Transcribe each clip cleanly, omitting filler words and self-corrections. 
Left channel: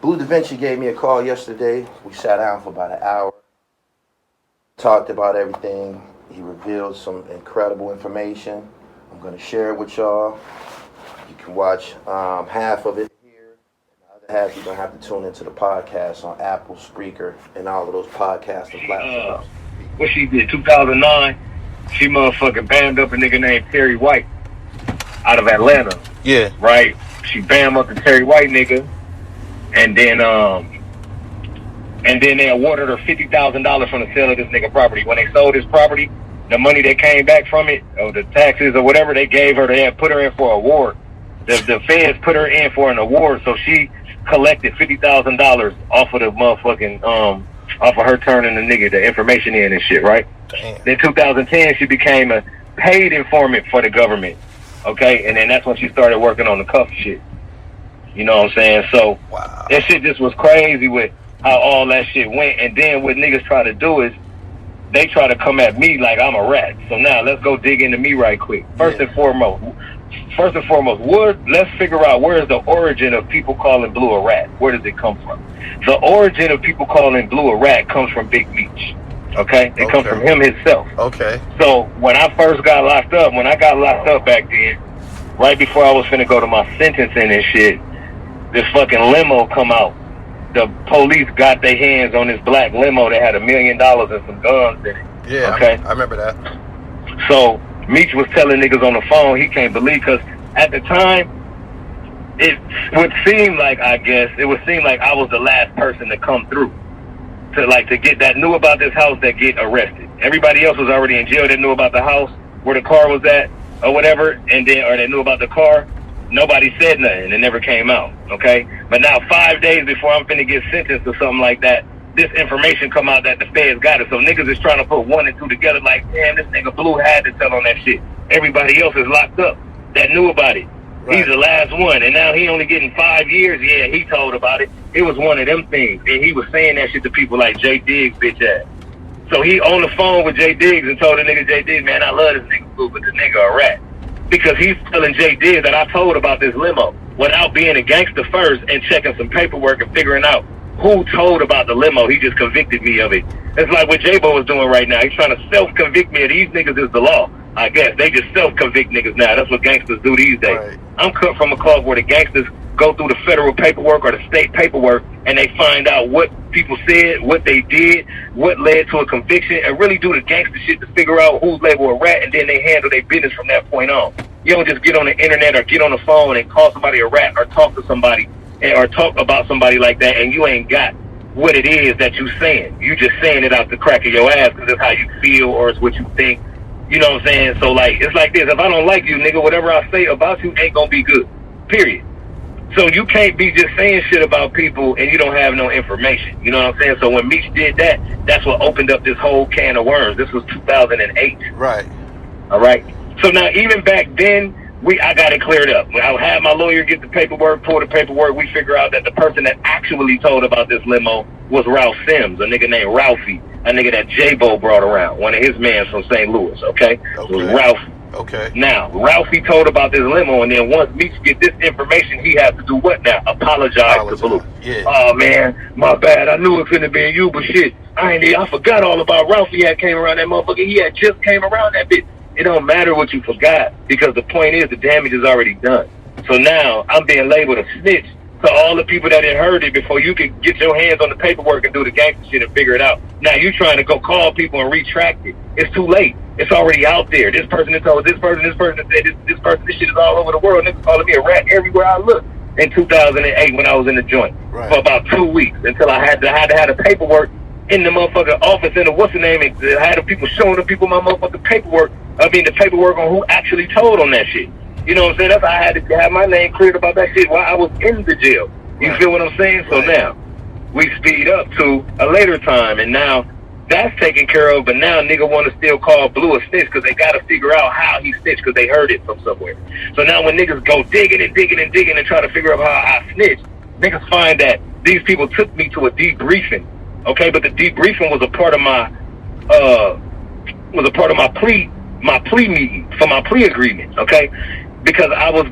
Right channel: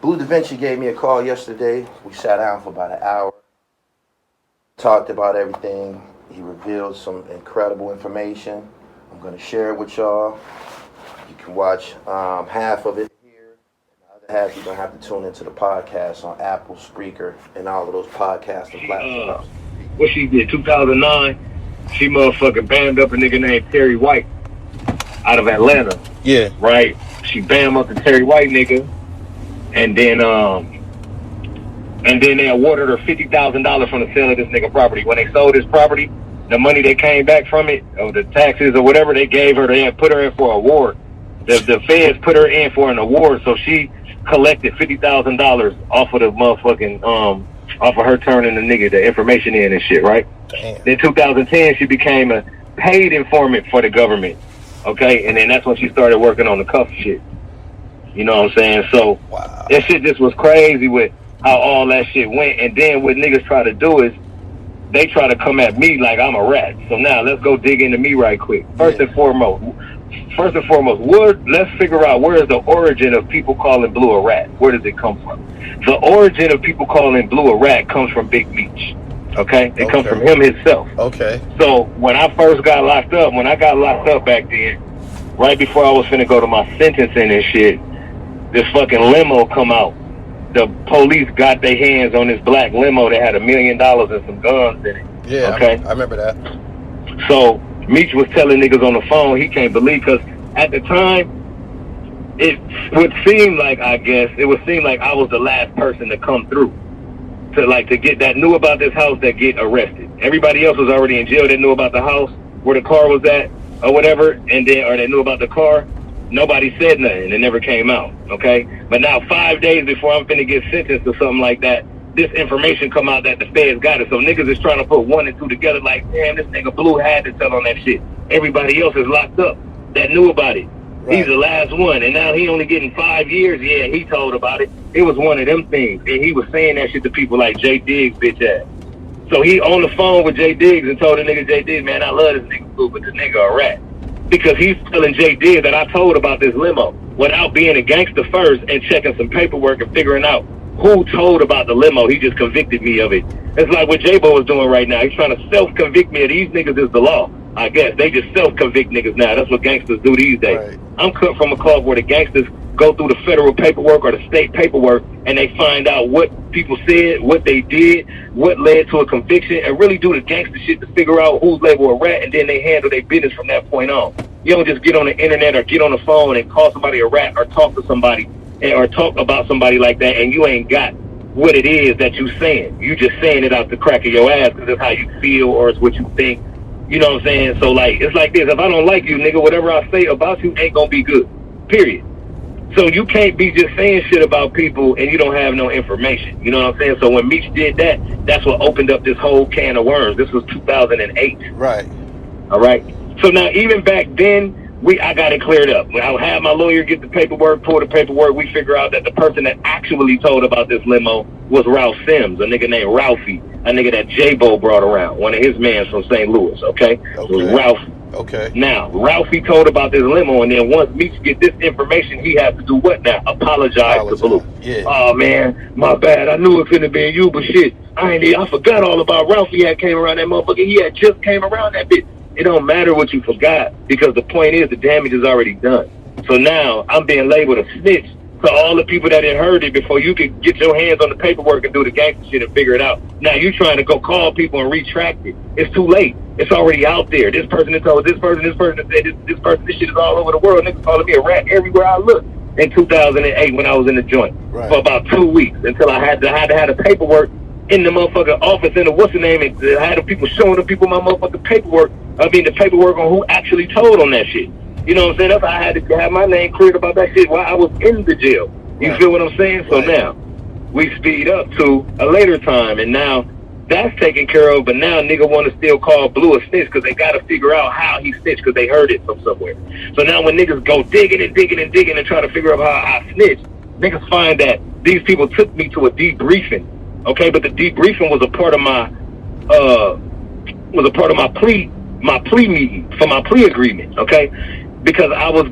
Bleu Davinci gave me a call yesterday. We sat down for about an hour, talked about everything. He revealed some incredible information. I'm going to share it with y'all. You can watch half of it here. And the other half, you're going to have to tune into the podcast on Apple, Spreaker, and all of those podcasting platforms. What she did, 2009, she motherfucking bammed up a nigga named Terry White out of Atlanta. Yeah. Right? She bammed up the Terry White nigga. And then they awarded her $50,000 from the sale of this nigga property. When they sold his property, the money that came back from it, or the taxes or whatever they gave her, they had put her in for an award. The feds put her in for an award, so she collected $50,000 off of the motherfucking off of her turning the nigga the information in and shit, right? Damn. Then 2010, she became a paid informant for the government. Okay, and then that's when she started working on the cuff shit. You know what I'm saying? So, wow. That shit just was crazy with how all that shit went. And then what niggas try to do is they try to come at me like I'm a rat. So now let's go dig into me right quick. First and foremost, let's figure out where is the origin of people calling Bleu a rat. Where does it come from? The origin of people calling Bleu a rat comes from Big Meech. Okay? It comes from him himself. Okay. So when I first got locked up, back then, right before I was finna go to my sentencing and shit, this fucking limo come out. The police got their hands on this black limo that had $1 million and some guns in it. Yeah, okay. I remember that. So Meech was telling niggas on the phone he can't believe, because at the time it would seem like I was the last person to come through to get that knew about this house that get arrested. Everybody else was already in jail that knew about the house where the car was at or whatever, and then or they knew about the car. Nobody said nothing. It never came out, okay? But now 5 days before I'm finna get sentenced or something like that, this information come out that the feds got it. So niggas is trying to put 1 and 2 together like, damn, this nigga Blue had to tell on that shit. Everybody else is locked up that knew about it. Right. He's the last one, and now he only getting 5 years. Yeah, he told about it. It was one of them things, and he was saying that shit to people like Jay Diggs, bitch ass. So he on the phone with Jay Diggs and told the nigga Jay Diggs, man, I love this nigga Blue, but this nigga a rat. Because he's telling Jay Diggs that I told about this limo without being a gangster first and checking some paperwork and figuring out who told about the limo. He just convicted me of it. It's like what J-Bo is doing right now. He's trying to self-convict me of these niggas is the law. I guess they just self-convict niggas now. That's what gangsters do these days. Right. I'm cut from a cloth where the gangsters go through the federal paperwork or the state paperwork and they find out what people said, what they did, what led to a conviction, and really do the gangster shit to figure out who's labeled a rat, and then they handle their business from that point on. You don't just get on the internet or get on the phone and call somebody a rat or talk to somebody or talk about somebody like that and you ain't got what it is that you saying. You just saying it out the crack of your ass because that's how you feel or it's what you think. You know what I'm saying? So, like, it's like this. If I don't like you, nigga, whatever I say about you ain't gonna be good. Period. So you can't be just saying shit about people and you don't have no information. You know what I'm saying? So when Meech did that, that's what opened up this whole can of worms. This was 2008. Right. All right? So now, even back then, I got it cleared up. When I had my lawyer get the paperwork, pull the paperwork, we figure out that the person that actually told about this limo was Ralph Sims, a nigga named Ralphie, a nigga that J-Bo brought around, one of his mans from St. Louis, okay? It was Ralphie. Okay. Now, Ralphie told about this limo, and then once Meech get this information, he has to do what now? Apologize to Blue. Yeah. Oh, man, my bad. I knew it couldn't have been you, but shit, I forgot all about Ralphie had came around that motherfucker. He had just came around that bitch. It don't matter what you forgot, because the point is the damage is already done. So now I'm being labeled a snitch to all the people that had heard it before you could get your hands on the paperwork and do the gangster shit and figure it out. Now you trying to go call people and retract it. It's too late. It's already out there. This person that told this person that said this person, this shit is all over the world. Niggas calling me a rat everywhere I look. In 2008 when I was in the joint for about 2 weeks until I had to have the paperwork in the motherfucking office in the what's the name, and I had the people showing the people my motherfucking paperwork. I mean the paperwork on who actually told on that shit. You know what I'm saying? That's how I had to have my name cleared about that shit while I was in the jail. You feel what I'm saying? So now we speed up to a later time, and now that's taken care of. But now nigga want to still call Blue a snitch because they got to figure out how he snitched because they heard it from somewhere. So now when niggas go digging and try to figure out how I snitched, niggas find that these people took me to a debriefing. Okay, but the debriefing was a part of my plea meeting for my plea agreement. Okay, because I was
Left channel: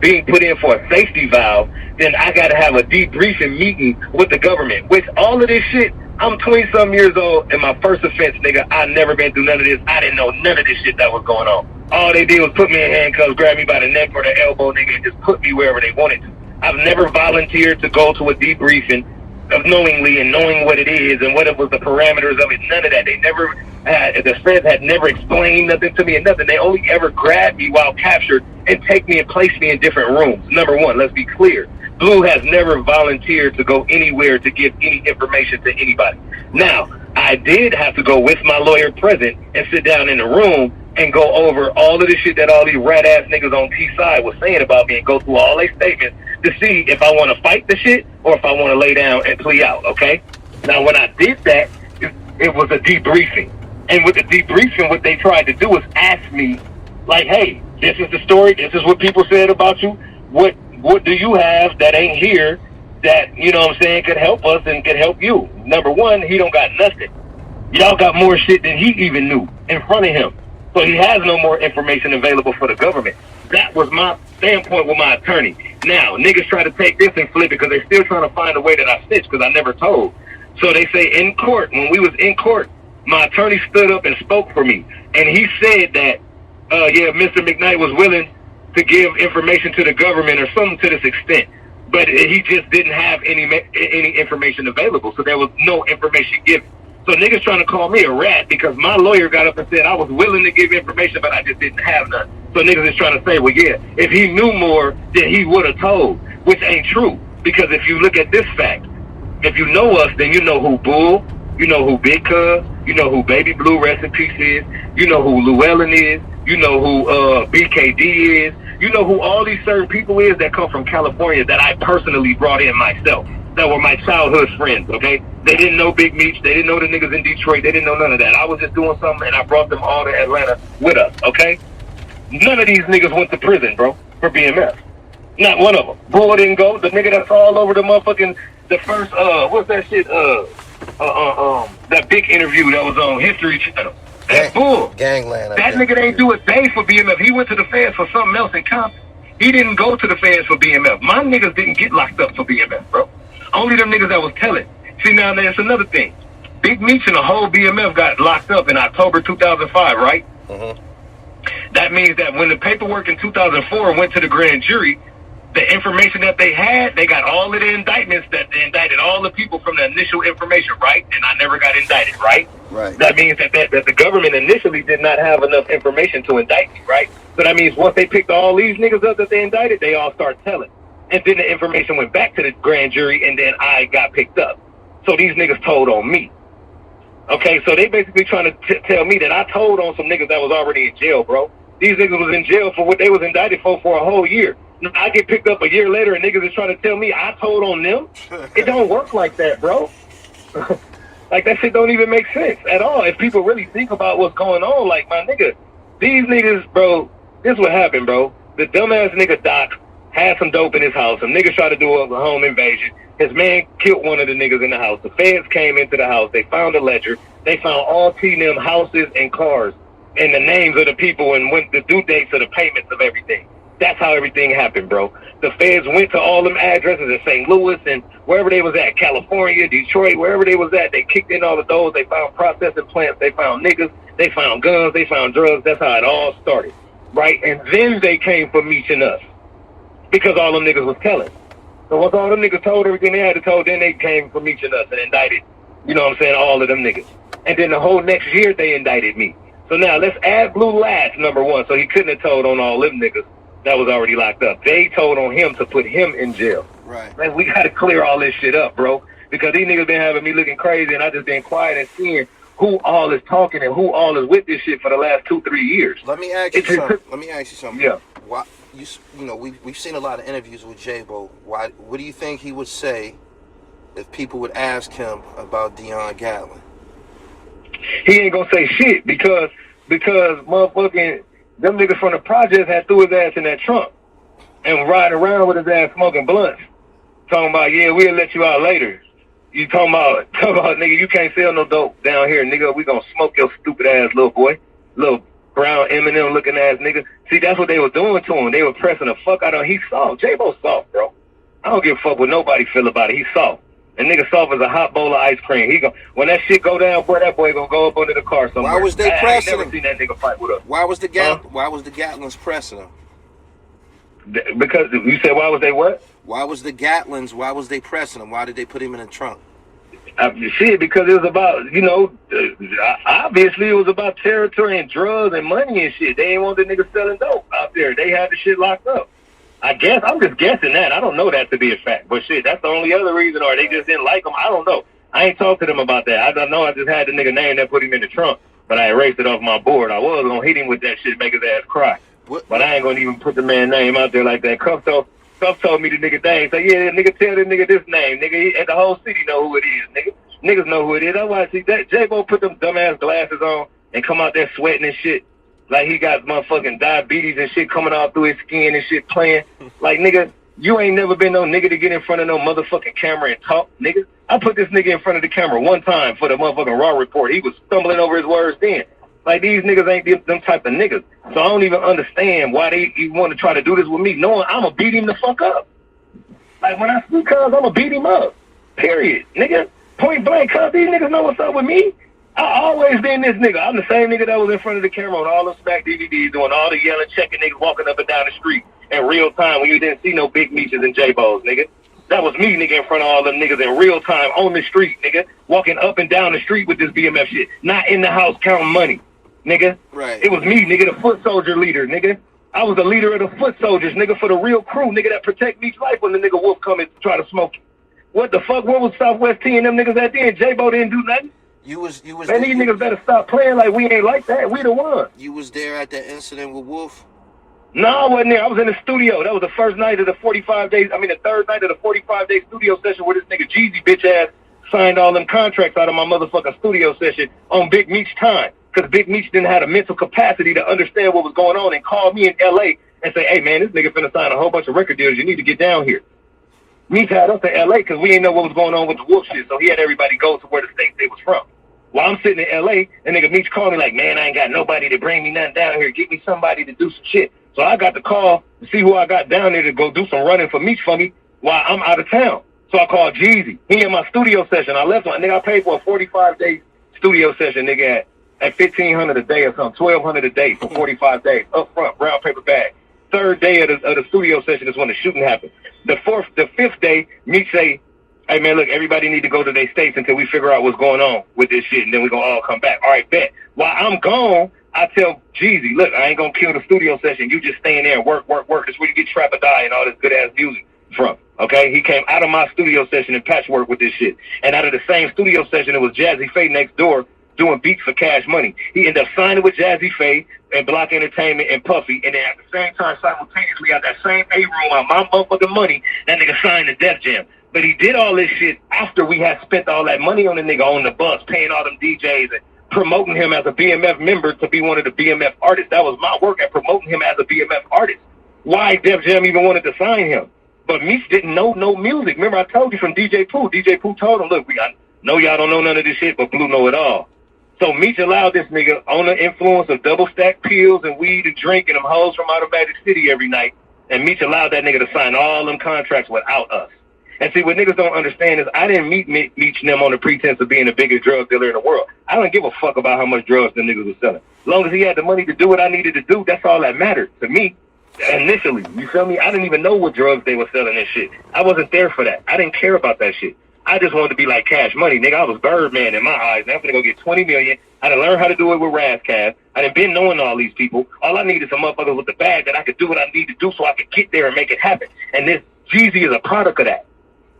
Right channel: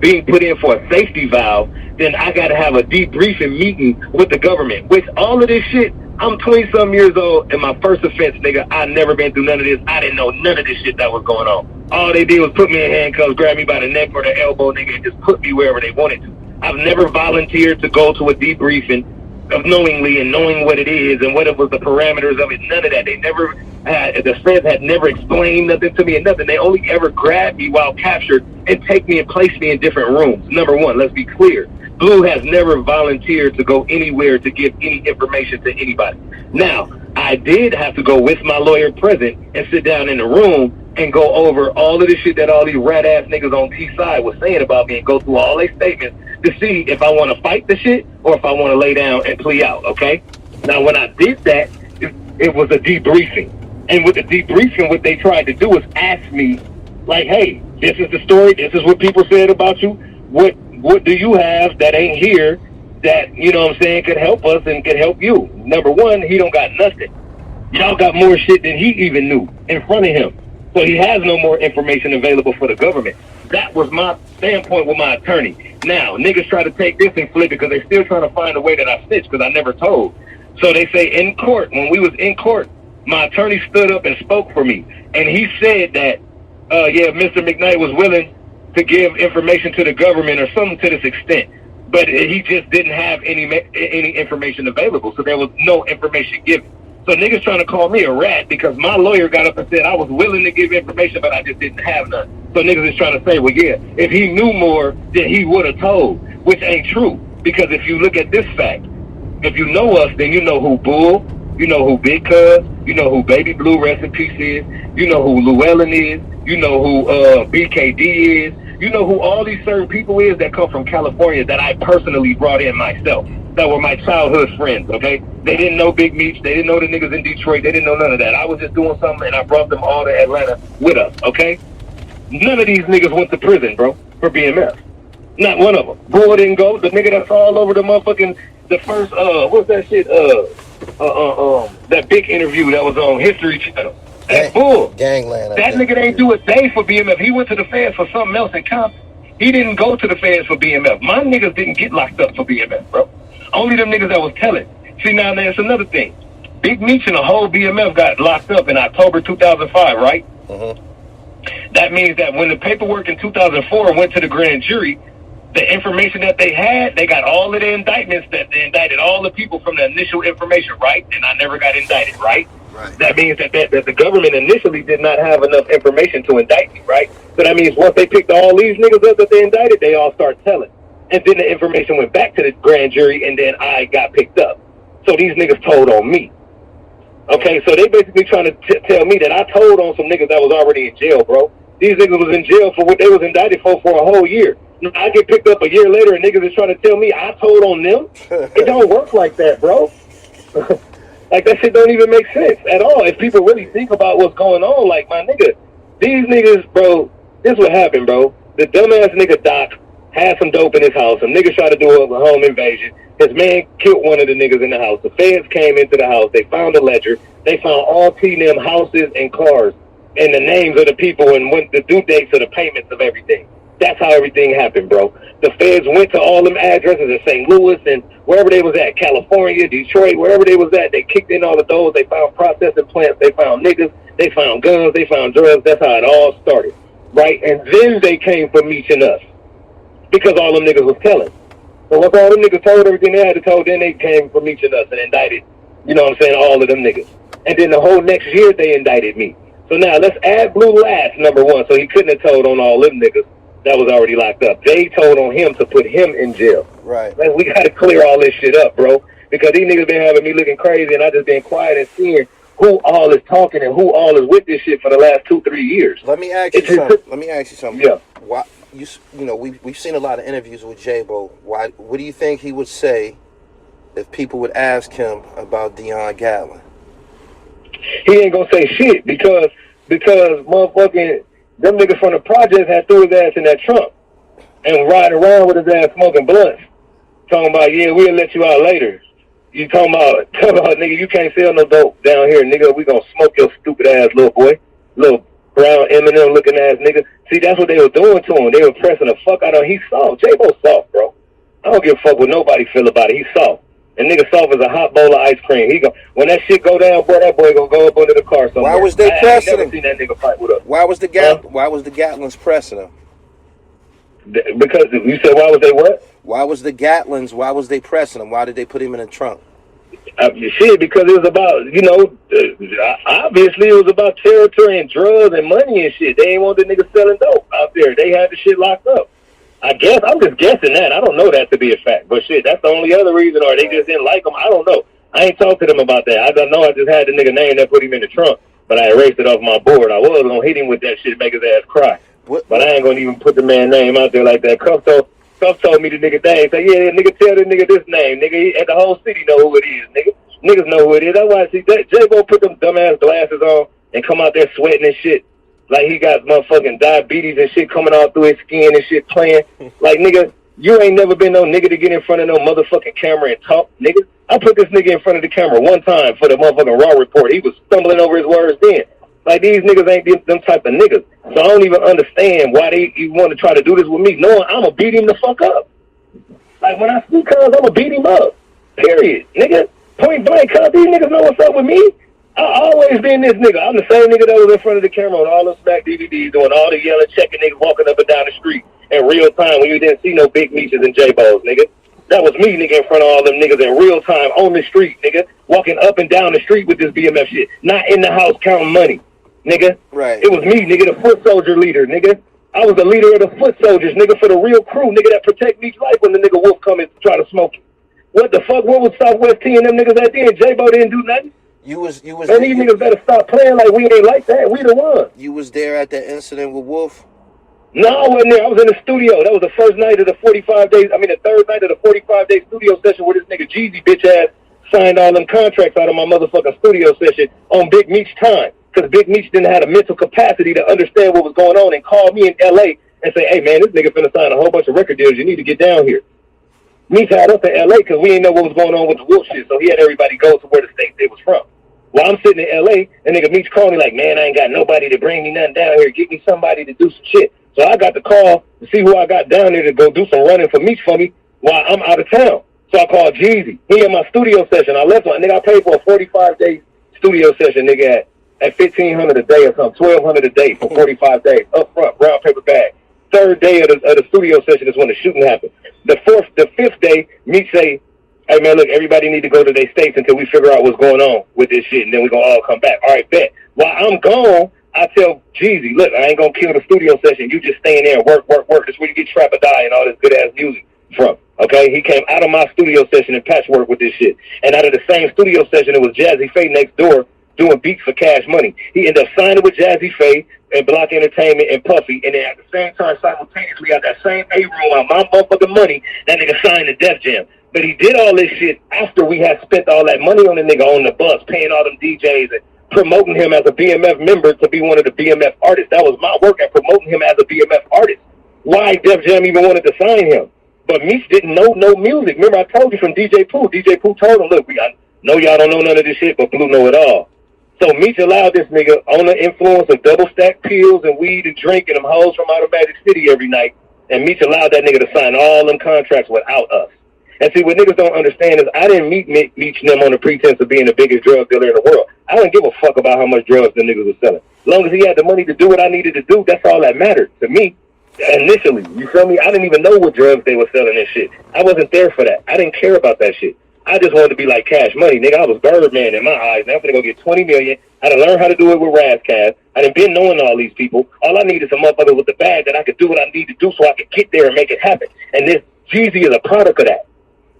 being put in for a safety valve, then I got to have a debriefing meeting with the government. Which all of this shit, I'm 20-something years old, and my first offense, nigga, I never been through none of this. I didn't know none of this shit that was going on. All they did was put me in handcuffs, grab me by the neck or the elbow, nigga, and just put me wherever they wanted to. I've never volunteered to go to a debriefing of knowingly and knowing what it is and what it was the parameters of it. None of that. They never had, the feds had never explained nothing to me and nothing. They only ever grabbed me while captured and take me and place me in different rooms. Number one, let's be clear. Bleu has never volunteered to go anywhere to give any information to anybody. Now, I did have to go with my lawyer present and sit down in the room and go over all of the shit that all these rat-ass niggas on T-side was saying about me and go through all their statements to see if I want to fight the shit or if I want to lay down and plea out, okay? Now, when I did that, it was a debriefing. And with the debriefing, what they tried to do was ask me, like, hey, this is the story. This is what people said about you. What do you have that ain't here that, you know what I'm saying, could help us and could help you? Number one, he don't got nothing. Y'all got more shit than he even knew in front of him. So he has no more information available for the government. That was my standpoint with my attorney. Now, niggas try to take this and flip it because they're still trying to find a way that I snitched because I never told. So they say in court, when we was in court, my attorney stood up and spoke for me. And he said that, yeah, Mr. McKnight was willing to give information to the government or something to this extent. But he just didn't have any information available. So there was no information given. So niggas trying to call me a rat because my lawyer got up and said I was willing to give information, but I just didn't have none. So niggas is trying to say, well, yeah, if he knew more, then he would have told, which ain't true. Because if you look at this fact, if you know us, then you know who Bull, you know who Big Cuz, you know who Baby Blue, rest in peace, is, you know who Llewellyn is, you know who BKD is, you know who all these certain people is that come from California that I personally brought in myself. That were my childhood friends, okay? They didn't know Big Meech. They didn't know the niggas in Detroit. They didn't know none of that. I was just doing something, and I brought them all to Atlanta with us, okay? None of these niggas went to prison, bro, for BMF. Not one of them. Bull didn't go. The nigga that's all over the motherfucking, the first, what's that shit, that big interview that was on History Channel. That Bull. Gangland. That nigga ain't do a thing for BMF. He went to the feds for something else in Compton. He didn't go to the feds for BMF. My niggas didn't get locked up for BMF, bro. Only them niggas that was telling. See, now that's another thing. Big Meech and the whole BMF got locked up in October 2005, right? That means that when the paperwork in 2004 went to the grand jury, the information that they had, they got all of the indictments that they indicted all the people from the initial information, right? And I never got indicted, right? Right. That means that the government initially did not have enough information to indict me, right? So that means once they picked all these niggas up that they indicted, they all start telling. And then the information went back to the grand jury, and then I got picked up. So these niggas told on me. Okay, so they basically trying to tell me that I told on some niggas that was already in jail, bro. These niggas was in jail for what they was indicted for a whole year. Now, I get picked up a year later, and niggas is trying to tell me I told on them. It don't work like that, bro. Like, that shit don't even make sense at all. If people really think about what's going on, like, my nigga, these niggas, bro, this what happened, bro. The dumbass nigga Doc had some dope in his house. Some niggas tried to do a home invasion. His man killed one of the niggas in the house. The feds came into the house. They found a ledger. They found all T&M houses and cars and the names of the people and went the due dates of the payments of everything. That's how everything happened, bro. The feds went to all them addresses in St. Louis and wherever they was at, California, Detroit, wherever they was at, they kicked in all of those. They found processing plants. They found niggas. They found guns. They found drugs. That's how it all started, right? And then they came for Meech and us because all them niggas was telling. So once all them niggas told everything they had to tell, then they came for Meech and us and indicted, you know what I'm saying, all of them niggas. And then the whole next year they indicted me. So now let's add Blue last, number one, so he couldn't have told on all them niggas that was already locked up. They told on him to put him in jail. Right. Man, we got to clear all this shit up, bro, because these niggas been having me looking crazy, and I just been quiet and seeing who all is talking and who all is with this shit for the last 2-3 years. Let me ask you something. Yeah. Why, you know, we've seen a lot of interviews with J-Bo. What do you think he would say if people would ask him about Deion Gatlin? He ain't gonna say shit because motherfucking them niggas from the projects had threw his ass in that trunk and riding around with his ass smoking blunts. Talking about, yeah, we'll let you out later. You talking about, nigga, you can't sell no dope down here, nigga. We gonna smoke your stupid ass, little boy. Little brown Eminem looking ass nigga. See, that's what they were doing to him. They were pressing the fuck out of him. He's soft. J-Bo's soft, bro. I don't give a fuck what nobody feel about it. He's soft. And nigga soft as a hot bowl of ice cream. When that shit go down, boy, that boy gonna go up under the car somewhere. Why was they pressing I ain't never seen that nigga fight with us. Why was the Gatlins pressing him? Because you said why was they what? Why was the Gatlins? Why was they pressing him? Why did they put him in the trunk? Shit, because it was about, obviously it was about territory and drugs and money and shit. They ain't want the niggas selling dope out there. They had the shit locked up. I guess, I'm just guessing that. I don't know that to be a fact. But shit, that's the only other reason, or they just didn't like him. I don't know. I ain't talked to them about that. I don't know. I just had the nigga name that put him in the trunk, but I erased it off my board. I was going to hit him with that shit, make his ass cry. But I ain't going to even put the man's name out there like that. Cuff told me the nigga name. Say, yeah, nigga, tell the nigga this name. Nigga, and the whole city know who it is, nigga. Niggas know who it is. That's why I see that J-Bo put them dumbass glasses on and come out there sweating and shit. Like he got motherfucking diabetes and shit coming out through his skin and shit playing. Like, nigga, you ain't never been no nigga to get in front of no motherfucking camera and talk, nigga. I put this nigga in front of the camera one time for the motherfucking Raw report. He was stumbling over his words then. Like, these niggas ain't them type of niggas. So I don't even understand why they want to try to do this with me, knowing I'm going to beat him the fuck up. Like, when I speak cuz, I'm going to beat him up. Period. Nigga, point blank, cuz these niggas know what's up with me. I always been this nigga. I'm the same nigga that was in front of the camera on all those Smack DVDs doing all the yelling, checking niggas walking up and down the street in real time when you didn't see no Big Meeches and J-Bos, nigga. That was me, nigga, in front of all them niggas in real time on the street, nigga, walking up and down the street with this BMF shit, not in the house counting money, nigga. Right. It was me, nigga, the foot soldier leader, nigga. I was the leader of the foot soldiers, nigga, for the real crew, nigga, that protect Meech's life when the nigga Wolf come and try to smoke it. What the fuck? What was Southwest T and them niggas at then? J-Bo didn't do nothing. You was Man, these niggas better stop playing like we ain't like that. We the ones. You was there at that incident with Wolf? No, I wasn't there. I was in the studio. That was the first night of the 45 days. I mean, the third night of the 45-day studio session where this nigga Jeezy bitch ass signed all them contracts out of my motherfucking studio session on Big Meech time. Because Big Meech didn't have the mental capacity to understand what was going on and call me in L.A. and say, hey, man, this nigga finna sign a whole bunch of record deals. You need to get down here. Meech had us in L.A. because we didn't know what was going on with the Wolf shit, so he had everybody go to where the state they was from. While I'm sitting in L.A., and nigga Meech called me like, man, I ain't got nobody to bring me nothing down here. Get me somebody to do some shit. So I got the call to see who I got down there to go do some running for Meech for me while I'm out of town. So I called Jeezy. He in my studio session. I left one. Nigga, I paid for a 45-day studio session, nigga, at $1,500 a day or something, $1,200 a day for 45 days, up front, brown paper bag. Third day of the studio session is when the shooting happened. The fifth day, Meech say, hey, man, look, everybody need to go to their states until we figure out what's going on with this shit, and then we're going to all come back. All right, bet. While I'm gone, I tell Jeezy, look, I ain't going to kill the studio session. You just stay in there and work. That's where you get Trap or Die and all this good-ass music from, okay? He came out of my studio session and patchwork with this shit. And out of the same studio session, it was Jazzy Faye next door doing beats for Cash Money. He ended up signing with Jazzy Faye and Block Entertainment and Puffy, and then at the same time, simultaneously, out that same A-room on my motherfucking money, that nigga signed to Def Jam. But he did all this shit after we had spent all that money on the nigga on the bus, paying all them DJs and promoting him as a BMF member to be one of the BMF artists. That was my work at promoting him as a BMF artist. Why Def Jam even wanted to sign him? But Meech didn't know no music. Remember, I told you from DJ Pooh. DJ Pooh told him, look, I know y'all don't know none of this shit, but Blue know it all. So Meech allowed this nigga on the influence of double-stack pills and weed and drink and them hoes from out of Magic City every night. And Meech allowed that nigga to sign all them contracts without us. And see, what niggas don't understand is I didn't meet Meech and them on the pretense of being the biggest drug dealer in the world. I don't give a fuck about how much drugs the niggas were selling. As long as he had the money to do what I needed to do, that's all that mattered to me. Initially, you feel me? I didn't even know what drugs they were selling and shit. I wasn't there for that. I didn't care about that shit. I just wanted to be like Cash Money, nigga. I was Birdman in my eyes. Now I'm gonna go get $20 million. I done learned how to do it with Razzcast. I done been knowing all these people. All I need is some motherfuckers with the bag that I could do what I need to do so I could get there and make it happen. And this Jeezy is a product of that.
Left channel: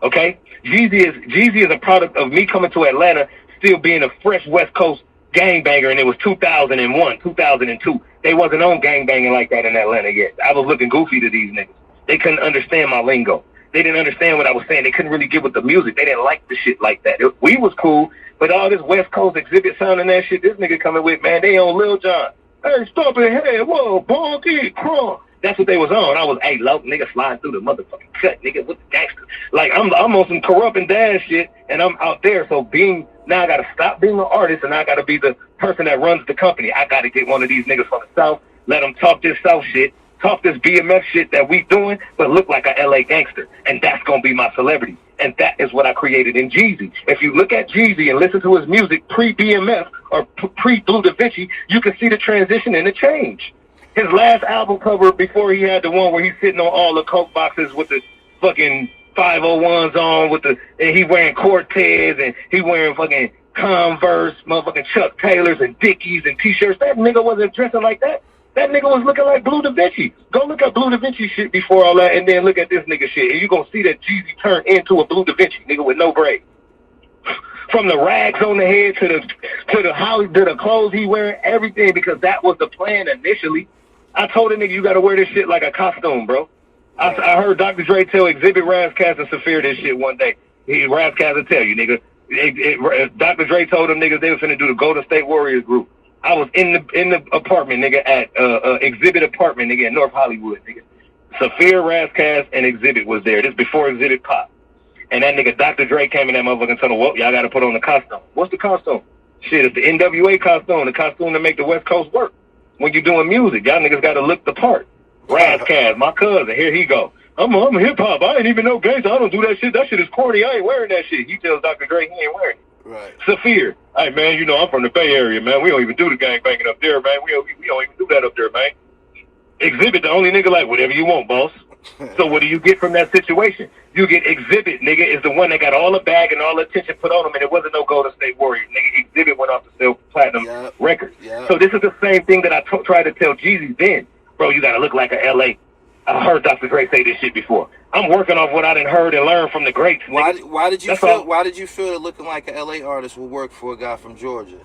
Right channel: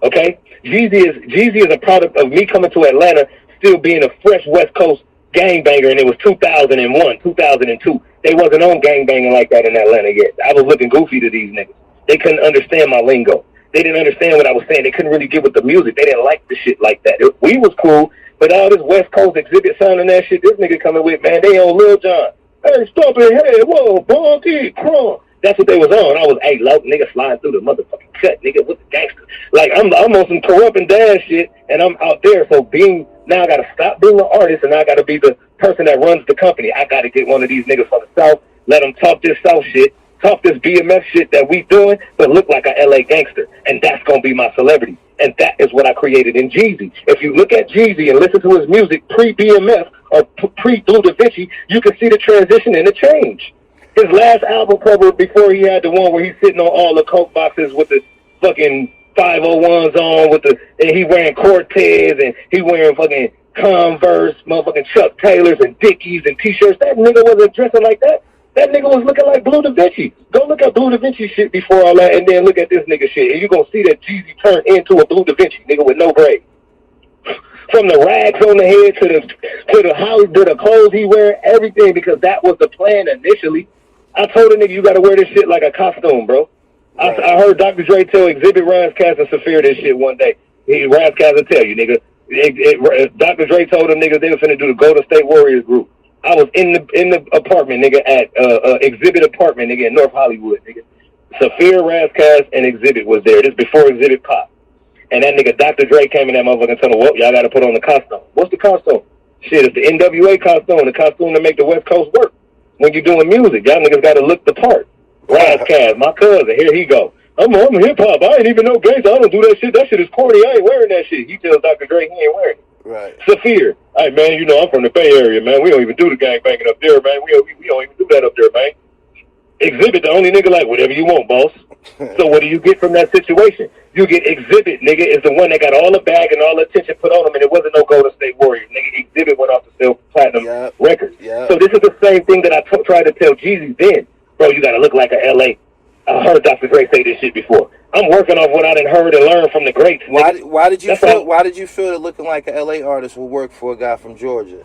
Okay? Jeezy is a product of me coming to Atlanta, still being a fresh West Coast gangbanger, and it was 2001, 2002. They wasn't on gangbanging like that in Atlanta yet. I was looking goofy to these niggas. They couldn't understand my lingo. They didn't understand what I was saying. They couldn't really get with the music. They didn't like the shit like that. We was cool, but all this West Coast exhibit sound and that shit, this nigga coming with, man, they on Lil Jon. Hey, stop it, hey, whoa, bonky, crunk. That's what they was on. I was, hey, low nigga sliding through the motherfucking cut, nigga, with the gangsters. Like, I'm on some corrupt and dash shit, and I'm out there. So being Now I got to stop being an artist, and I got to be the person that runs the company. I got to get one of these niggas from the South, let them talk this South shit, talk this BMF shit that we doing, but look like a LA gangster. And that's going to be my celebrity. And that is what I created in Jeezy. If you look at Jeezy and listen to his music pre-BMF or pre-Bleu Davinci, you can see the transition and the change. His last album cover before he had the one where he's sitting on all the Coke boxes with the fucking 501s on and he wearing Cortez and he wearing fucking Converse, motherfucking Chuck Taylors and Dickies and t-shirts. That nigga wasn't dressing like that. That nigga was looking like Bleu Davinci. Go look at Bleu Davinci shit before all that and then look at this nigga shit. And you're going to see that Jeezy turned into a Bleu Davinci nigga with no braids. From the rags on the head to the clothes he wearing, everything, because that was the plan initially. I told a nigga, you got to wear this shit like a costume, bro. I heard Dr. Dre tell Exhibit, Razzcast, and Saphir this shit one day. Razzcast will tell you, nigga. Dr. Dre told them niggas they were finna do the Golden State Warriors group. I was in the apartment, nigga, at Exhibit apartment, nigga, in North Hollywood, nigga. Saphir, Razzcast, and Exhibit was there. This before Exhibit popped. And that nigga Dr. Dre came in that motherfucker and told him, well, y'all got to put on the costume. What's the costume? Shit, it's the NWA costume, the costume to make the West Coast work. When you're doing music, y'all niggas got to look the part. Razzcast, my cousin, here he go. I'm hip-hop. I ain't even no gangster. I don't do that shit. That shit is corny. I ain't wearing that shit. He tells Dr. Dre he ain't wearing it. Right. Saphir, hey, man, you know I'm from the Bay Area, man. We don't even do the gang banging up there, man. We don't even do that up there, man. Exhibit, the only nigga like, whatever you want, boss. So what do you get from that situation? You get Exhibit, nigga, is the one that got all the bag and all the attention put on him, and it wasn't no Golden State Warriors. Nigga, Exhibit went off to sell platinum records. Yep. So this is the same thing that I tried to tell Jeezy then. Bro, you got to look like a L.A. I heard Dr. Dre say this shit before. I'm working off what I done heard and learned from the greats, nigga. Why did you feel that looking like an L.A. artist will work for a guy from Georgia?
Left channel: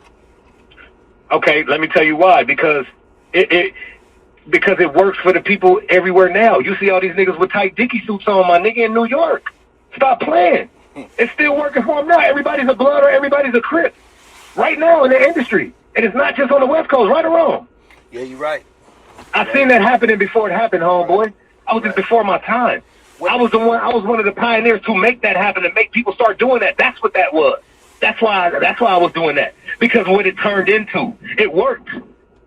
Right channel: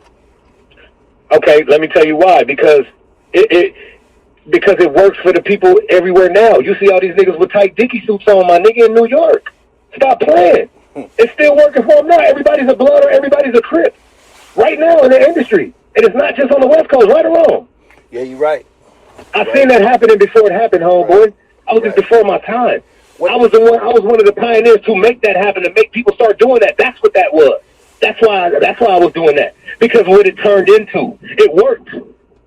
Okay, let me tell you why. Because it works for the people everywhere now. You see all these niggas with tight Dickie suits on, my nigga, in New York. Stop playing. It's still working for them now. Everybody's a blood or everybody's a Crip. Right now in the industry. And it's not just on the West Coast, right or wrong. Yeah, you're right. I seen that happening before it happened, homeboy. I was just before my time. I was one of the pioneers to make that happen and make people start doing that. That's what that was. That's why I was doing that. Because what it turned into, it worked.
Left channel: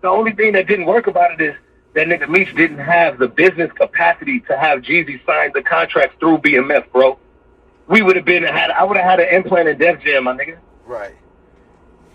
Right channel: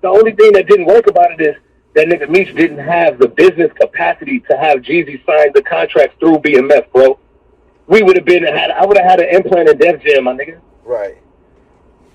The only thing that didn't work about it is that nigga Meech didn't have the business capacity to have Jeezy sign the contracts through BMF, bro. I would have had an implant in Def Jam, my nigga. Right.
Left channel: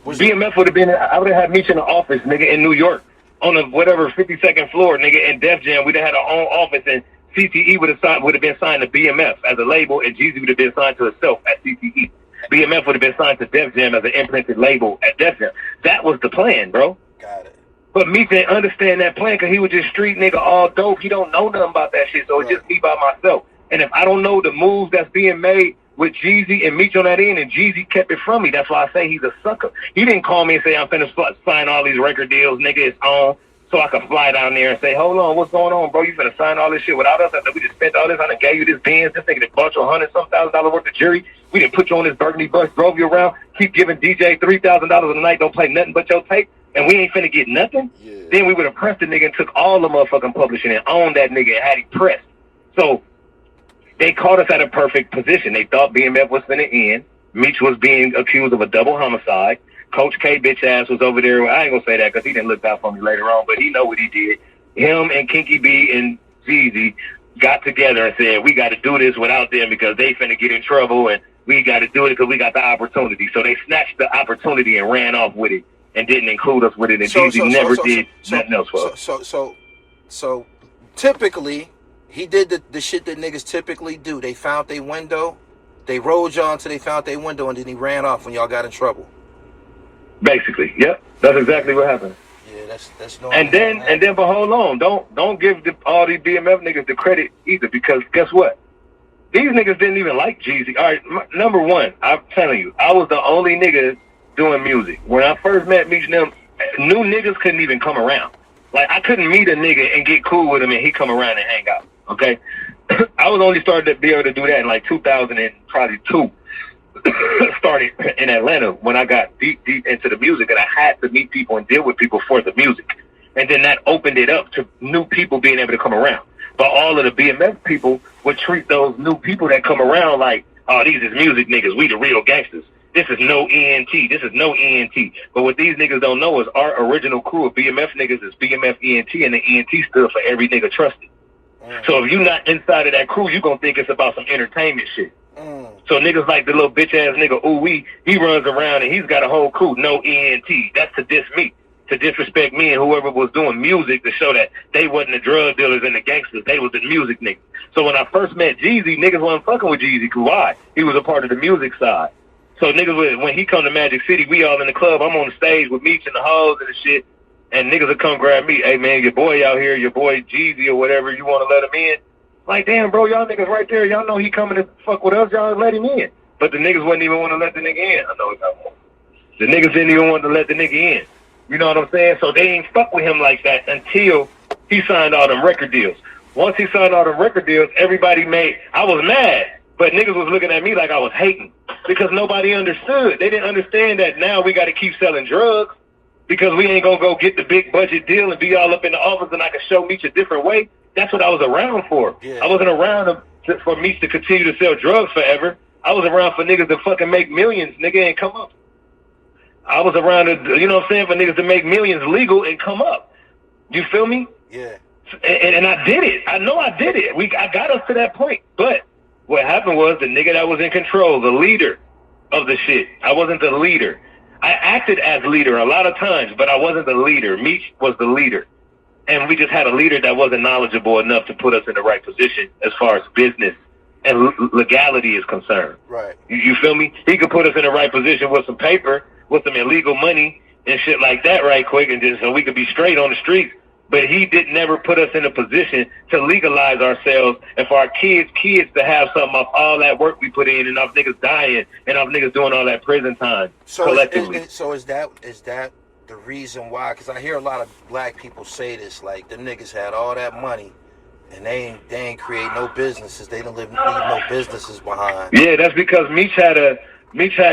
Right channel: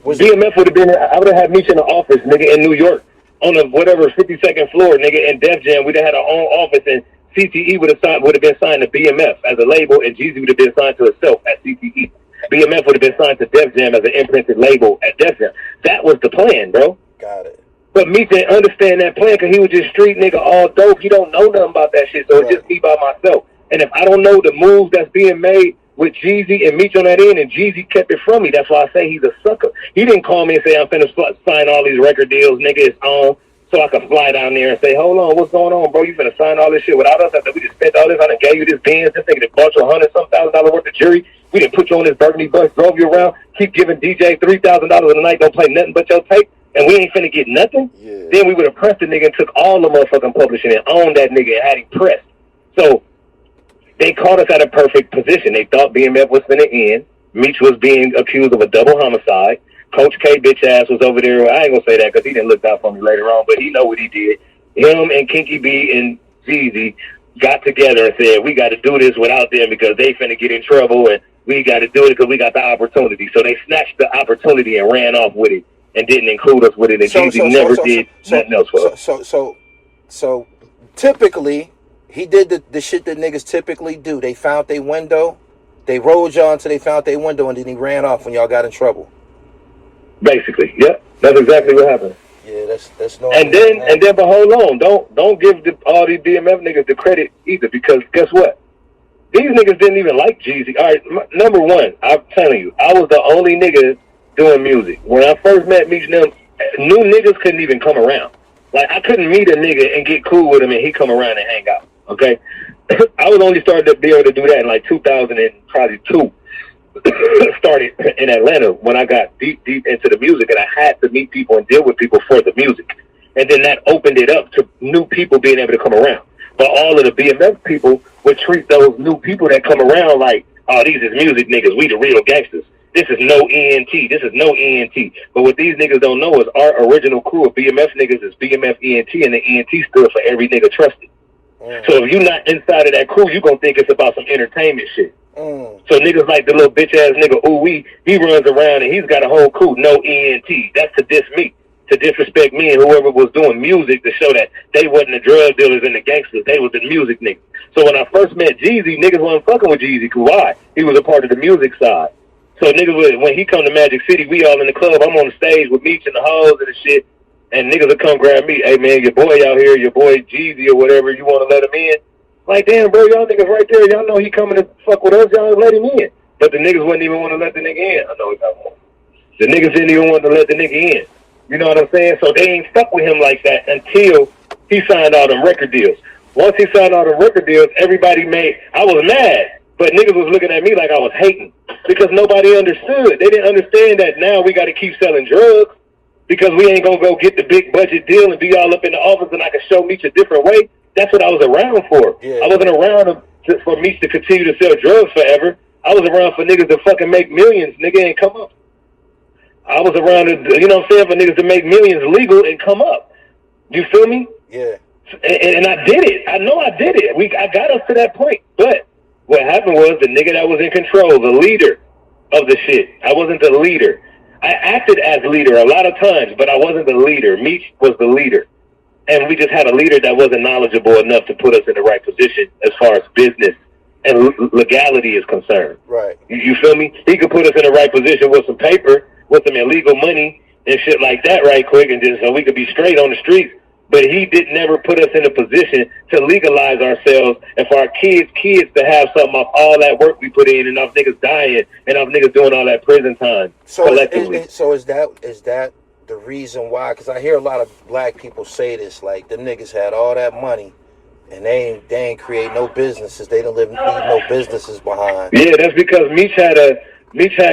BMF would have been, I would have had Meech in the office, nigga, in New York. On the whatever 52nd floor, nigga, in Def Jam, we'd have had our own office, and CTE would have been signed to BMF as a label, and Jeezy would have been signed to itself at CTE. BMF would have been signed to Def Jam as an imprinted label at Def Jam. That was the plan, bro. Got it. But Meech didn't understand that plan because he was just street nigga, all dope. He don't know nothing about that shit, so it's just me by myself. And if I don't know the moves that's being made with Jeezy and Meech on that end, and Jeezy kept it from me. That's why I say he's a sucker. He didn't call me and say, I'm finna sign all these record deals, nigga, it's on, so I could fly down there and say, hold on, what's going on, bro? You finna sign all this shit without us? After we just spent all this, I done gave you this Benz, this nigga that bought you $100,000 worth of jury. We didn't put you on this burgundy bus, drove you around, keep giving DJ $3,000 a night, don't play nothing but your tape, and we ain't finna get nothing? Yeah. Then we would have pressed the nigga and took all the motherfucking publishing and owned that nigga and had him pressed. So they caught us at a perfect position. They thought BMF was finna end. Meech was being accused of a double homicide. Coach K bitch ass was over there. I ain't gonna say that because he didn't look out for me later on, but he know what he did. Him and Kinky B and Jeezy got together and said, we got to do this without them because they finna get in trouble, and we got to do it because we got the opportunity. So they snatched the opportunity and ran off with it and didn't include us with it. And Jeezy never did nothing else for us. So typically, he did the shit that niggas typically do. They found their window, they rode y'all until they found their window, and then he ran off when y'all got in trouble. Basically, yep. That's exactly what happened. Yeah, that's no. And then, but hold on, don't give all these BMF niggas the credit either, because guess what? These niggas didn't even like Jeezy. All right, number one, I'm telling you, I was the only nigga doing music. When I first met Meech, them new niggas couldn't even come around. Like, I couldn't meet a nigga and get cool with him and he come around and hang out. Okay, I was only starting to be able to do that in like 2002. Started in Atlanta when I got deep into the music, and I had to meet people and deal with people for the music, and then that opened it up to new people being able to come around. But all of the BMF people would treat those new people that come around like, oh, these is music niggas, we the real gangsters. This is no ENT. This is no ENT. But what these niggas don't know is our original crew of BMF niggas is BMF ENT, and the ENT stood for every nigga trusted. So if you're not inside of that crew, you gonna think it's about some entertainment shit. So niggas like the little bitch ass nigga Ooh-wee, he runs around and he's got a whole crew, no ENT. That's to diss me, to disrespect me and whoever was doing music, to show that they wasn't the drug dealers and the gangsters, they was the music niggas. So when I first met Jeezy, niggas wasn't fucking with Jeezy. Why? He was a part of the music side. So niggas, when he come to Magic City, we all in the club, I'm on the stage with Meech and the hoes and the shit, and niggas will come grab me. Hey man, your boy out here, your boy Jeezy or whatever, you want to let him in? Like, damn, bro, y'all niggas right there. Y'all know he coming to fuck with us. Y'all let him in. But the niggas wouldn't even want to let the nigga in. I know he got one. The niggas didn't even want to let the nigga in. You know what I'm saying? So they ain't stuck with him like that until he signed all them record deals. Once he signed all the record deals, everybody I was mad. But niggas was looking at me like I was hating because nobody understood. They didn't understand that now we got to keep selling drugs because we ain't going to go get the big budget deal and be all up in the office and I can show Meech a different way. That's what I was around for. Yeah. I wasn't around for Meech to continue to sell drugs forever. I was around for niggas to fucking make millions, nigga, and come up. I was around, you know what I'm saying, for niggas to make millions legal and come up. You feel me? Yeah. And I did it. I know I did it. I got us to that point. But what happened was the nigga that was in control, the leader of the shit. I wasn't the leader. I acted as leader a lot of times, but I wasn't the leader. Meech was the leader. And we just had a leader that wasn't knowledgeable enough to put us in the right position as far as business and legality is concerned. Right. You feel me? He could put us in the right position with some paper, with some illegal money and shit like that right quick, and just so we could be straight on the streets. But he did never put us in a position to legalize ourselves and for our kids to have something off all that work we put in and off niggas dying and off niggas doing all that prison time collectively. So is that the reason why? Because I hear a lot of black people say this, like them niggas had all that money and they ain't create no businesses. They don't leave no businesses behind. Yeah, that's because Meech had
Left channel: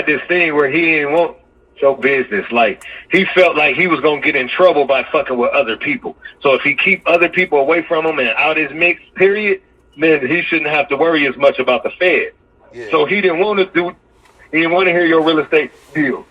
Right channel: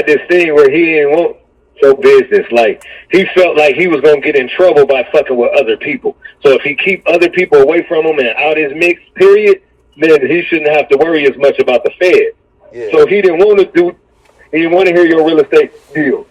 this thing where he didn't want show business. Like he felt like he was gonna get in trouble by fucking with other people. So if he keep other people away from him and out his mix, period, then he shouldn't have to worry as much about the Fed. Yeah. So he didn't want to hear your real estate deal.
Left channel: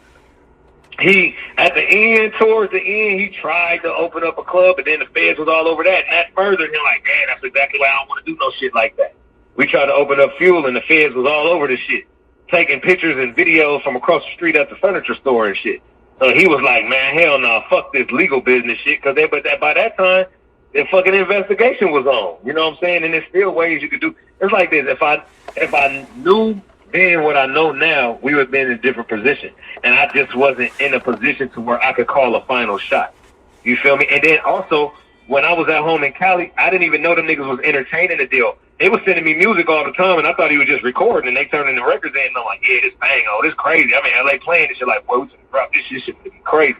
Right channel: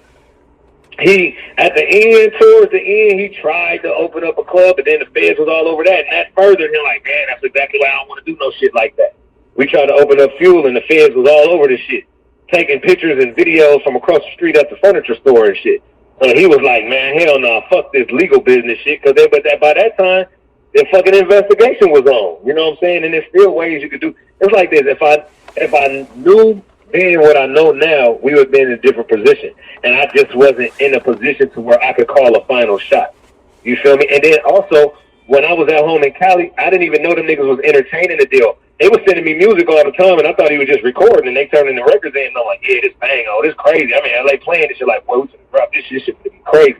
He, at the end, towards the end, he tried to open up a club, but then the feds was all over that, and that furthered him like, man, that's exactly why I don't want to do no shit like that. We tried to open up fuel, and the feds was all over the shit, taking pictures and videos from across the street at the furniture store and shit. So he was like, man, hell no, fuck this legal business shit, because by that time, the fucking investigation was on. You know what I'm saying? And there's still ways you could do. It's like this. If I knew being what I know now, we would have been in a different position. And I just wasn't in a position to where I could call a final shot. You feel me? And then also, when I was at home in Cali, I didn't even know them niggas was entertaining the deal. They was sending me music all the time, and I thought he was just recording, and they turning the records in, and I'm like, yeah, this bang, oh, this crazy. I mean, LA playing this shit like, boy, we should drop this shit. This shit gonna be crazy.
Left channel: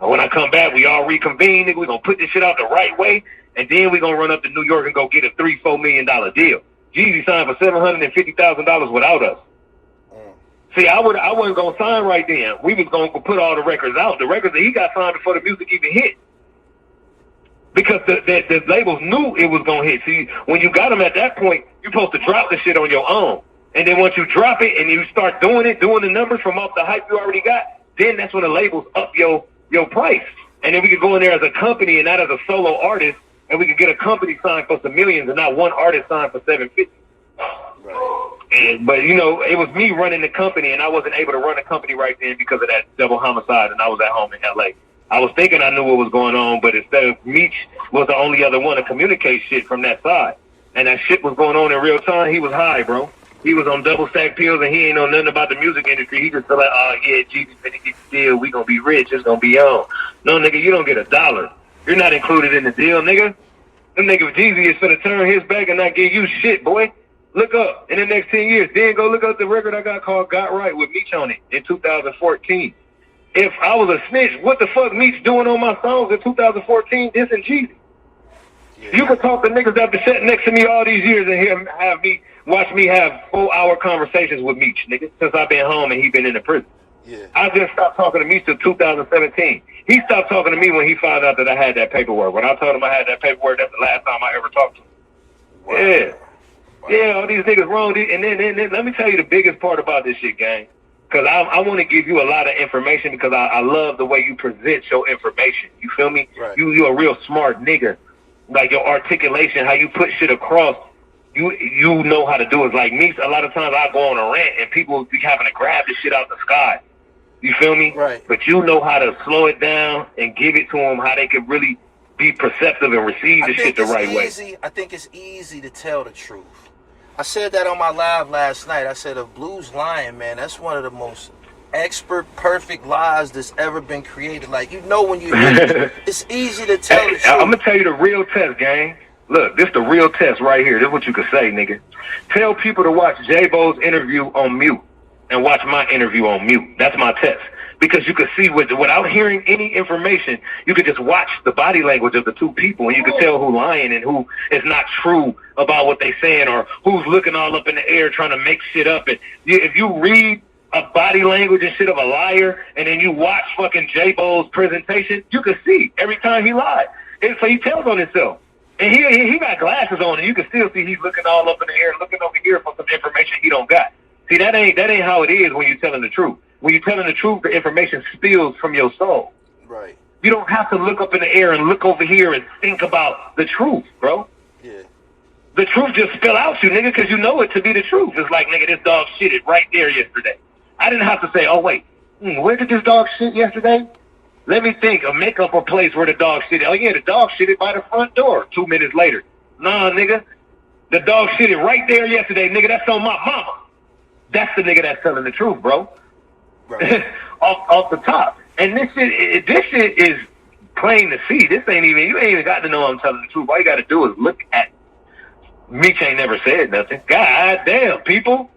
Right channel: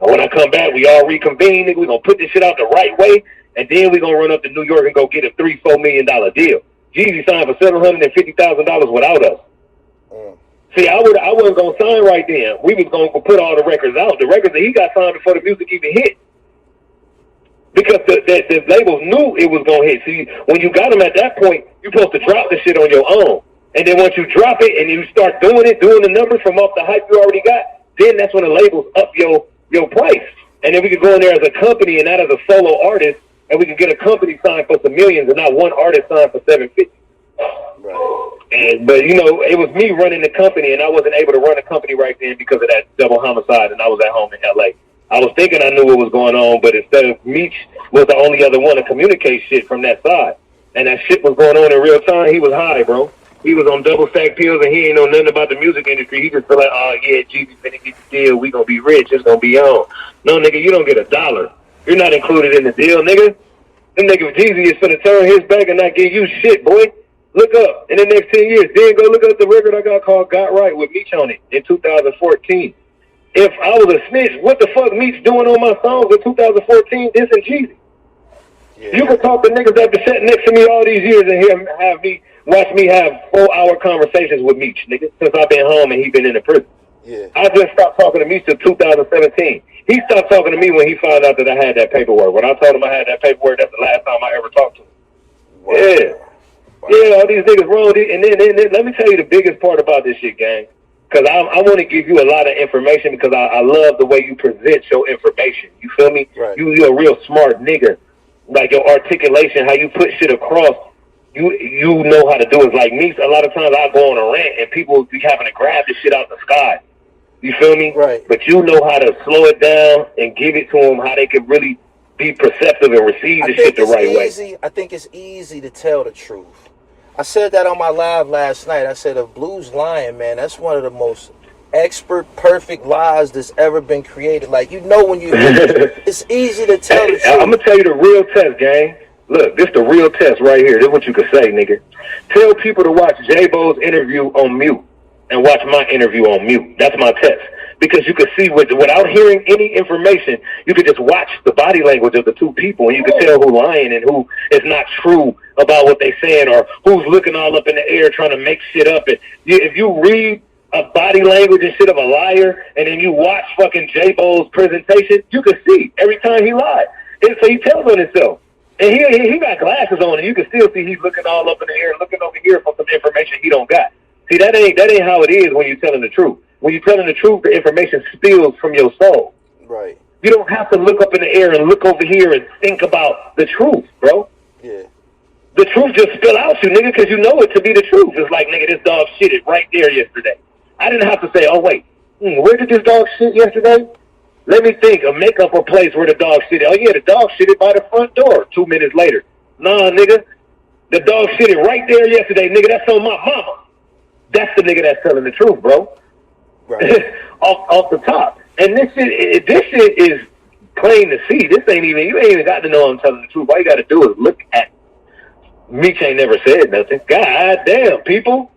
And when I come back, we all reconvene, nigga. We gonna put this shit out the right way, and then we gonna run up to New York and go get a $3-4 million deal. Jeezy signed for $750,000 without us. See, I wasn't gonna sign right then. We was gonna put all the records out. The records that he got signed before the music even hit, because the labels knew it was gonna hit. See, when you got them at that point, you're supposed to drop the shit on your own, and then once you drop it and you start doing the numbers from off the hype you already got, then that's when the labels up your price, and then we could go in there as a company and not as a solo artist, and we could get a company signed for some millions and not one artist signed for $750. But you know, it was me running the company, and I wasn't able to run a company right then because of that double homicide, and I was at home in LA. I was thinking I knew what was going on, but instead of Meech was the only other one to communicate shit from that side, and that shit was going on in real time. He was high, bro. He was on double stack pills, and he ain't know nothing about the music industry. He just feel like, oh yeah, Jeezy's finna get the deal. We gonna be rich. It's gonna be on. No, nigga, you don't get $1. You're not included in the deal, nigga. Them nigga Jeezy is finna turn his back and not give you shit, boy. Look up in the next 10 years. Then go look up the record I got called Got Right with Meech on it in 2014. If I was a snitch, what the fuck Meech doing on my songs in 2014 dissing Jeezy? Yeah. You can talk to niggas that been sitting next to me all these years and watch me have 4-hour conversations with Meech, nigga, since I've been home and he been in the prison. Yeah. I just stopped talking to Meech till 2017. He stopped talking to me when he found out that I had that paperwork. When I told him I had that paperwork, that's the last time I ever talked to him. Wow. Yeah. Yeah, all these niggas wrong. And then let me tell you the biggest part about this shit, gang. Because I want to give you a lot of information because I love the way you present your information. You feel me? Right. You're a real smart nigga. Like your articulation, how you put shit across, you know how to do it. Like me, a lot of times I go on a rant and people be having to grab the shit out the sky. You feel me? Right. But you know how to slow it down and give it to them, how they can really be perceptive and receive the shit the right way. I think it's easy to tell the truth. I said that on my live last night. I said, if Blue's lying, man, that's one of the most expert, perfect lies that's ever been created. Like, you know when you... it's easy to tell the truth. I'm going to tell you the real test, gang. Look, this the real test right here. This is what you could say, nigga. Tell people to watch J-Bo's interview on mute and watch my interview on mute. That's my test. Because you could see, without hearing any information, you could just watch the body language of the two people, and you could tell who's lying and who is not true about what they're saying, or who's looking all up in the air trying to make shit up. And if you read a body language and shit of a liar, and then you watch fucking J-Bo's presentation, you can see every time he lied. And so he tells on himself. And he got glasses on, and you can still see he's looking all up in the air, looking over here for some information he don't got. See, that ain't how it is when you're telling the truth. When you're telling the truth, the information spills from your soul. Right. You don't have to look up in the air and look over here and think about the truth, bro. Yeah. The truth just spill out you, nigga, because you know it to be the truth. It's like, nigga, this dog shitted right there yesterday. I didn't have to say, oh, wait, where did this dog shit yesterday? Let me think, make up a place where the dog shitted. Oh, yeah, the dog shitted by the front door 2 minutes later. Nah, nigga, the dog shitted right there yesterday, nigga. That's on my mama. That's the nigga that's telling the truth, bro. Right. off the top. And this shit is plain to see. You ain't even got to know I'm telling the truth. All you got to do is look at Meech ain't never said nothing. God damn, people.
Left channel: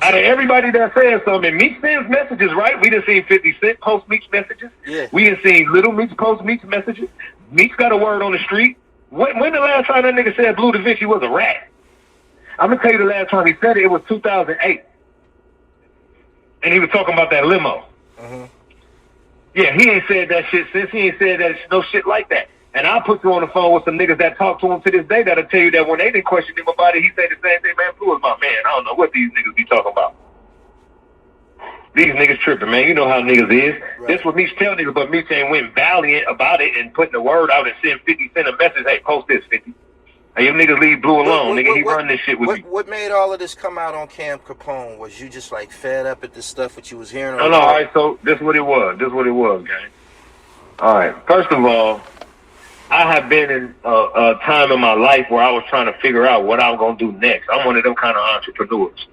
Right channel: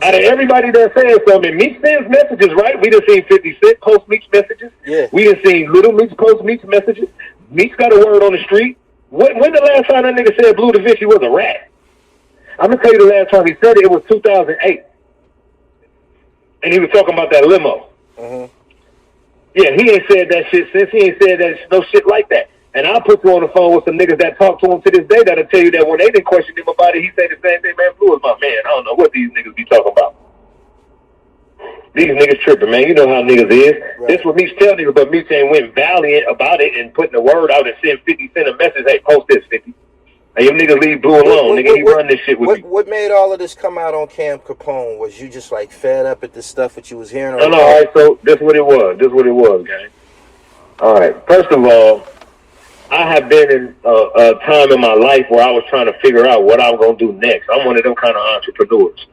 Out of everybody that says something, Meech sends messages, right? We done seen 50 Cent post Meech messages. Yeah. We done seen Little Meech post Meech messages. Meech got a word on the street. When the last time that nigga said Bleu Davinci was a rat? I'm going to tell you the last time he said it was 2008. And he was talking about that limo. Uh-huh. Yeah, he ain't said that shit since. He ain't said that no shit like that. And I'll put you on the phone with some niggas that talk to him to this day that'll tell you that when they didn't question him about it, he said the same thing, man, Blue is my man. I don't know what these niggas be talking about. These niggas tripping, man. You know how niggas is. Right. This what Meech tell niggas, but Meech ain't went valiant about it and putting the word out and send 50 Cent a message, hey, post this, 50. Hey, your niggas leave Blue alone, nigga. He run this shit with you. What made all of this come out on Cam Capone? Was you just like fed up at the stuff that you was hearing? No, all right, so this what it was, gang. All right, first of all, I have been in a time in my life where I was trying to figure out what I was gonna do next. I'm one of them kind of entrepreneurs.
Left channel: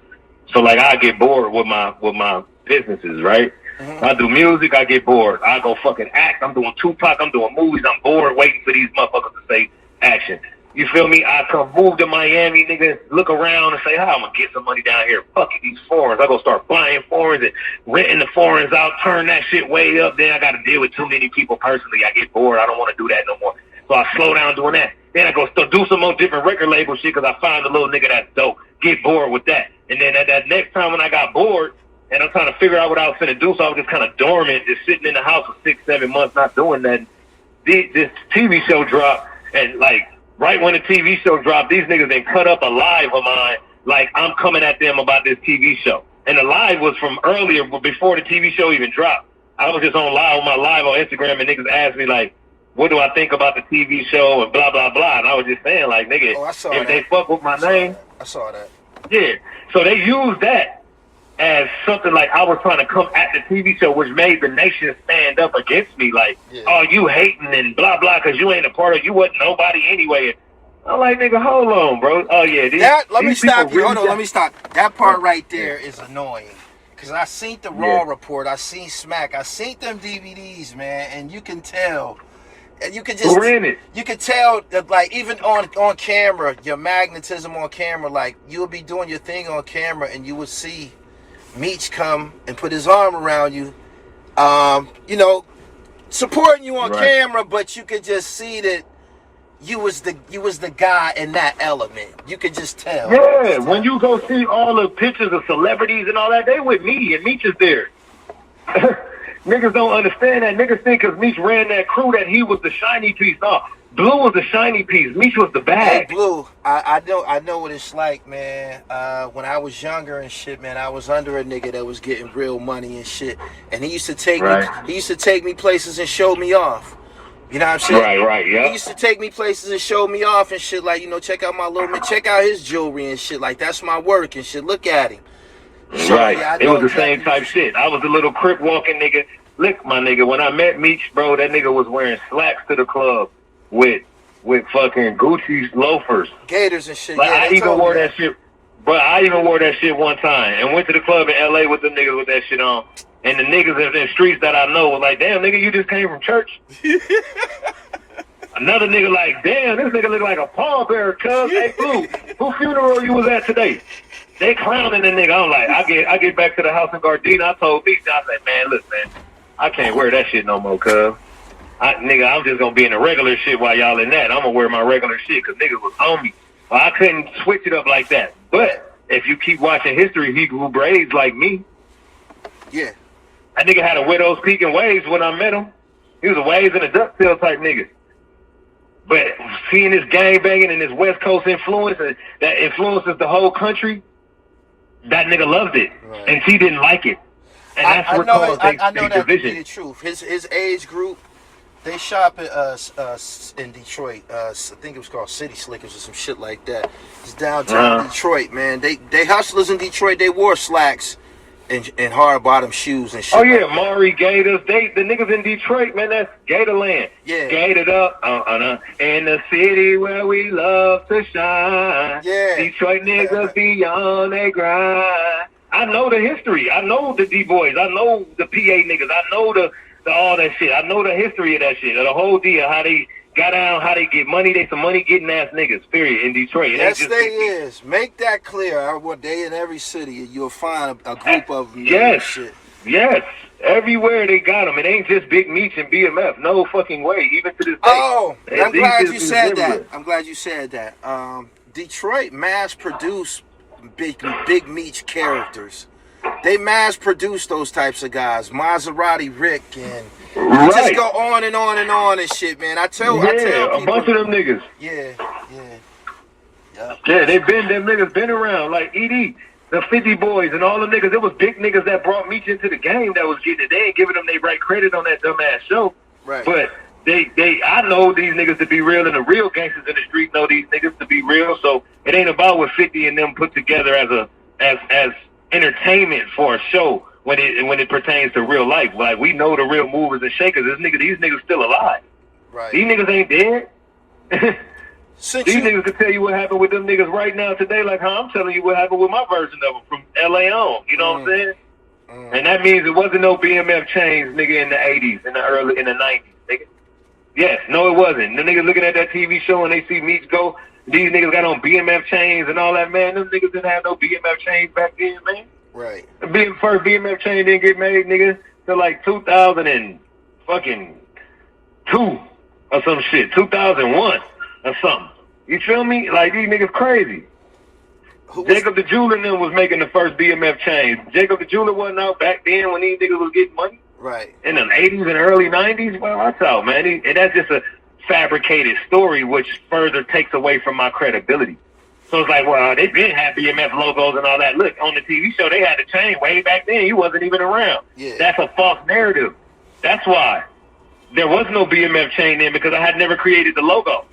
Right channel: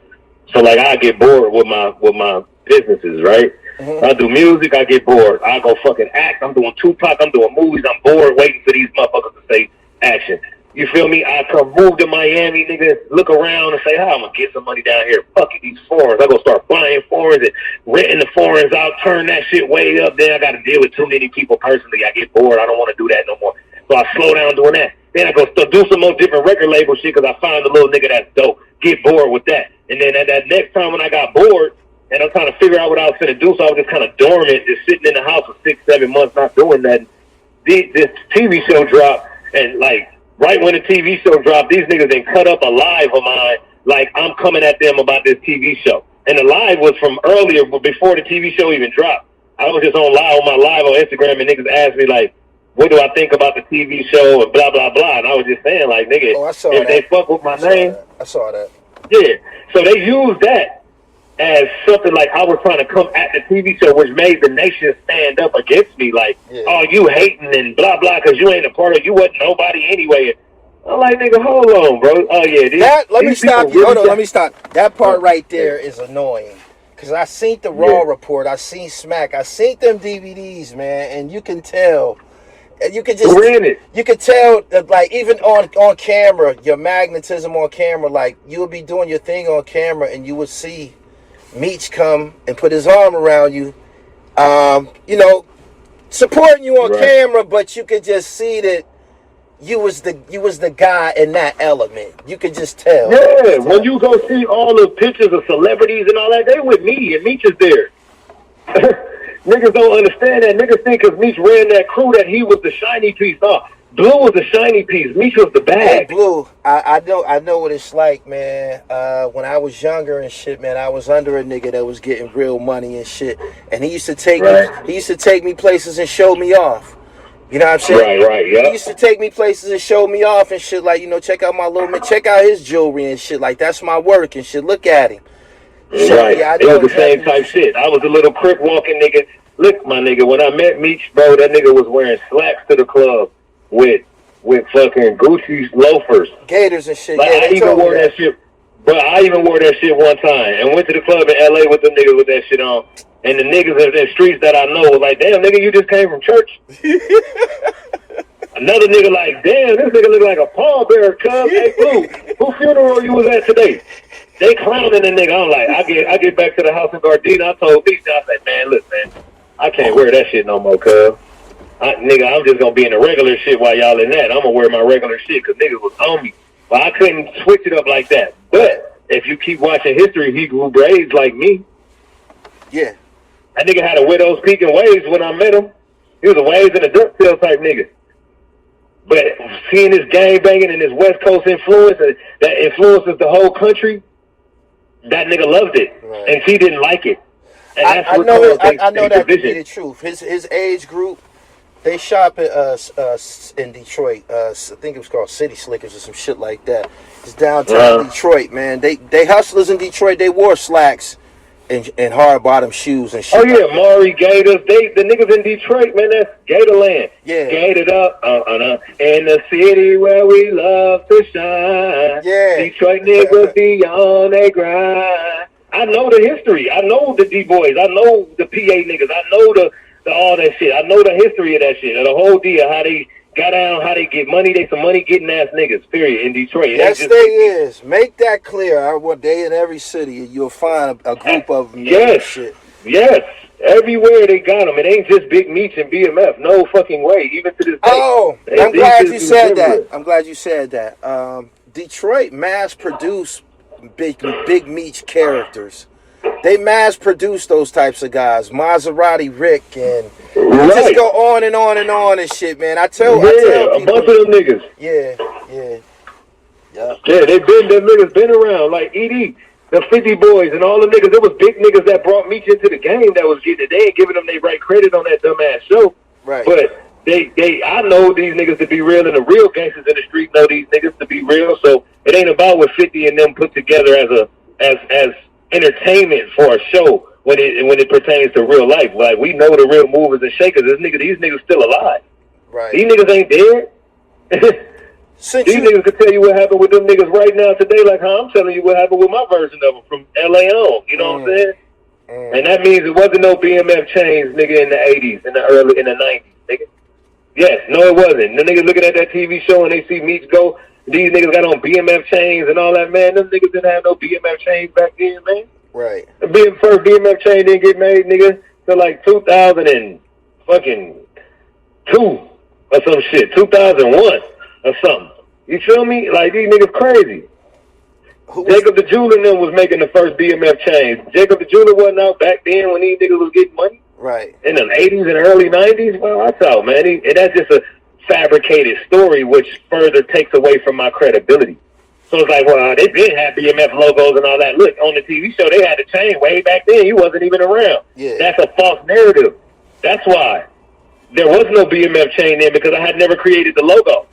So like I get bored with my businesses, right? Mm-hmm. I do music, I get bored. I go fucking act. I'm doing Tupac, I'm doing movies, I'm bored waiting for these motherfuckers to say action. You feel me? I come move to Miami, nigga, look around and say, how I'm going to get some money down here. Fuck it, these foreigns. I'm going to start buying foreigns and renting the foreigns out, turn that shit way up. Then I got to deal with too many people personally. I get bored. I don't want to do that no more. So I slow down doing that. Then I go do some more different record label shit because I find a little nigga that's dope. Get bored with that. And then at that next time when I got bored and I'm trying to figure out what I was going to do, so I was just kind of dormant, just sitting in the house for 6-7 months not doing nothing. This TV show dropped and like, right when the TV show dropped, these niggas then cut up a live of mine like I'm coming at them about this TV show. And the live was from earlier, but before the TV show even dropped. I was just on my live on Instagram, and niggas asked me, like, what do I think about the TV show and blah, blah, blah. And I was just saying, like, nigga, if they fuck with my name. I saw that. Yeah. So they used that as something like I was trying to come at the TV show, which made the nation stand up against me. Like, oh, you hating and blah, blah, because you ain't a part of, you wasn't nobody anyway. I'm like, nigga, hold on, bro. Oh, yeah. Let me stop you. Hold on, let me stop. That part right there is annoying. Because I seen the Raw report. I seen Smack. I seen them DVDs, man. And you can tell. You can just. You can tell, like, even on camera, your magnetism on camera, like, you'll be doing your thing on camera and you would see Meech come and put his arm around you, you know, supporting you on camera, but you could just see that you was the guy in that element. You could just tell. Yeah, when you go see all the pictures of celebrities and all that, they with me and Meech is there. Niggas don't understand that. Niggas think because Meech ran that crew that he was the shiny piece. No, Blue was the shiny piece. Meech was the bag. Hey, Blue, I know what it's like, man. When I was younger and shit, man, I was under a nigga that was getting real money and shit, and he used to take me places and show me off. You know what I'm saying? Right, yeah. He used to take me places and show me off and shit, like, you know, check out my little man, check out his jewelry and shit, like, that's my work and shit. Look at him. So, right. Yeah, it was the same type shit. I was a little crip walking nigga. Look, my nigga, when I met Meech, bro, that nigga was wearing slacks to the club with fucking Gucci loafers. Gators and shit. Like, yeah, I even wore that shit. But I even wore that shit one time and went to the club in LA with them niggas with that shit on. And the niggas in the streets that I know was like, damn, nigga, you just came from church? Another nigga like, damn, this nigga look like a pallbearer, cuz. Hey, Blue, who funeral you was at today? They clowning the nigga. I'm like, I get back to the house in Gardenia. I told Meech, I said, man, look, man, I can't wear that shit no more, cuz. Nigga, I'm just gonna be in the regular shit while y'all in that. I'm gonna wear my regular shit because niggas was on me. But I couldn't switch it up like that. But if you keep watching history, he grew braids like me. Yeah. That nigga had a widow's peak and waves when I met him. He was a waves and a dirt tail type nigga. But seeing this gang banging and this West Coast influence that influences the whole country, that nigga loved it. Right. And she didn't like it. And that's what caused I know that to be the truth. His age group, they shop at in Detroit. I think it was called City Slickers or some shit like that. It's downtown Detroit, man. They hustlers in Detroit. They wore slacks and hard bottom shoes and shit. Oh yeah, Maury Gators. The niggas in Detroit, man. That's Gatorland. Yeah. Gated up in the city where we love to shine. Yeah. Detroit niggas be on they grind. I know the history. I know the D-boys. I know the PA niggas. I know the all that shit. I know the history of that shit. Of the whole deal. How they got down. How they get money. They some money getting ass niggas. Period. In Detroit. That thing is. Make that clear. One day in every city, you'll find a group of them. Yes. Shit. Yes. Everywhere they got them. It ain't just Big Meech and BMF. No fucking way. Even to this day. Oh, I'm glad you said that. I'm glad you said that. Detroit mass produced Big Meech characters. They mass produce those types of guys, Maserati Rick, and just go on and on and on and shit, man. I tell a bunch of them niggas. Yeah. Yeah, them niggas been around, like ED, the 50 boys, and all them niggas. It was big niggas that brought Meech into the game that was getting it. They ain't giving them their right credit on that dumbass show. Right. But I know these niggas to be real, and the real gangsters in the street know these niggas to be real. So it ain't about what 50 and them put together as entertainment for a show when it pertains to real life. Like, we know the real movers and shakers. These niggas still alive. Right. These niggas ain't dead. These niggas could tell you what happened with them niggas right now today, like how I'm telling you what happened with my version of them from LA on. You know what I'm saying? And that means it wasn't no BMF chains, nigga, in the 80s, in the 90s, nigga. Yes, no, it wasn't. The niggas looking at that TV show and they see Meech go, these niggas got on BMF chains and all that, man. Them niggas didn't have no BMF chains back then, man. Right. The first BMF chain didn't get made, nigga, till like 2002 or some shit, 2001 or something. You feel me? Like, these niggas crazy. Jacob the Jeweler and them was making the first BMF chain. Jacob the Jeweler wasn't out back then when these niggas was getting money. Right. In the 80s and early 90s? Well, that's out, man. And that's just a fabricated story, which further takes away from my credibility. So it's like, well, they did have BMF logos and all that. Look, on the TV show, they had the chain way back then. He wasn't even around. Yeah. That's a false narrative. That's why. There was no BMF chain then, because I had never created the logo.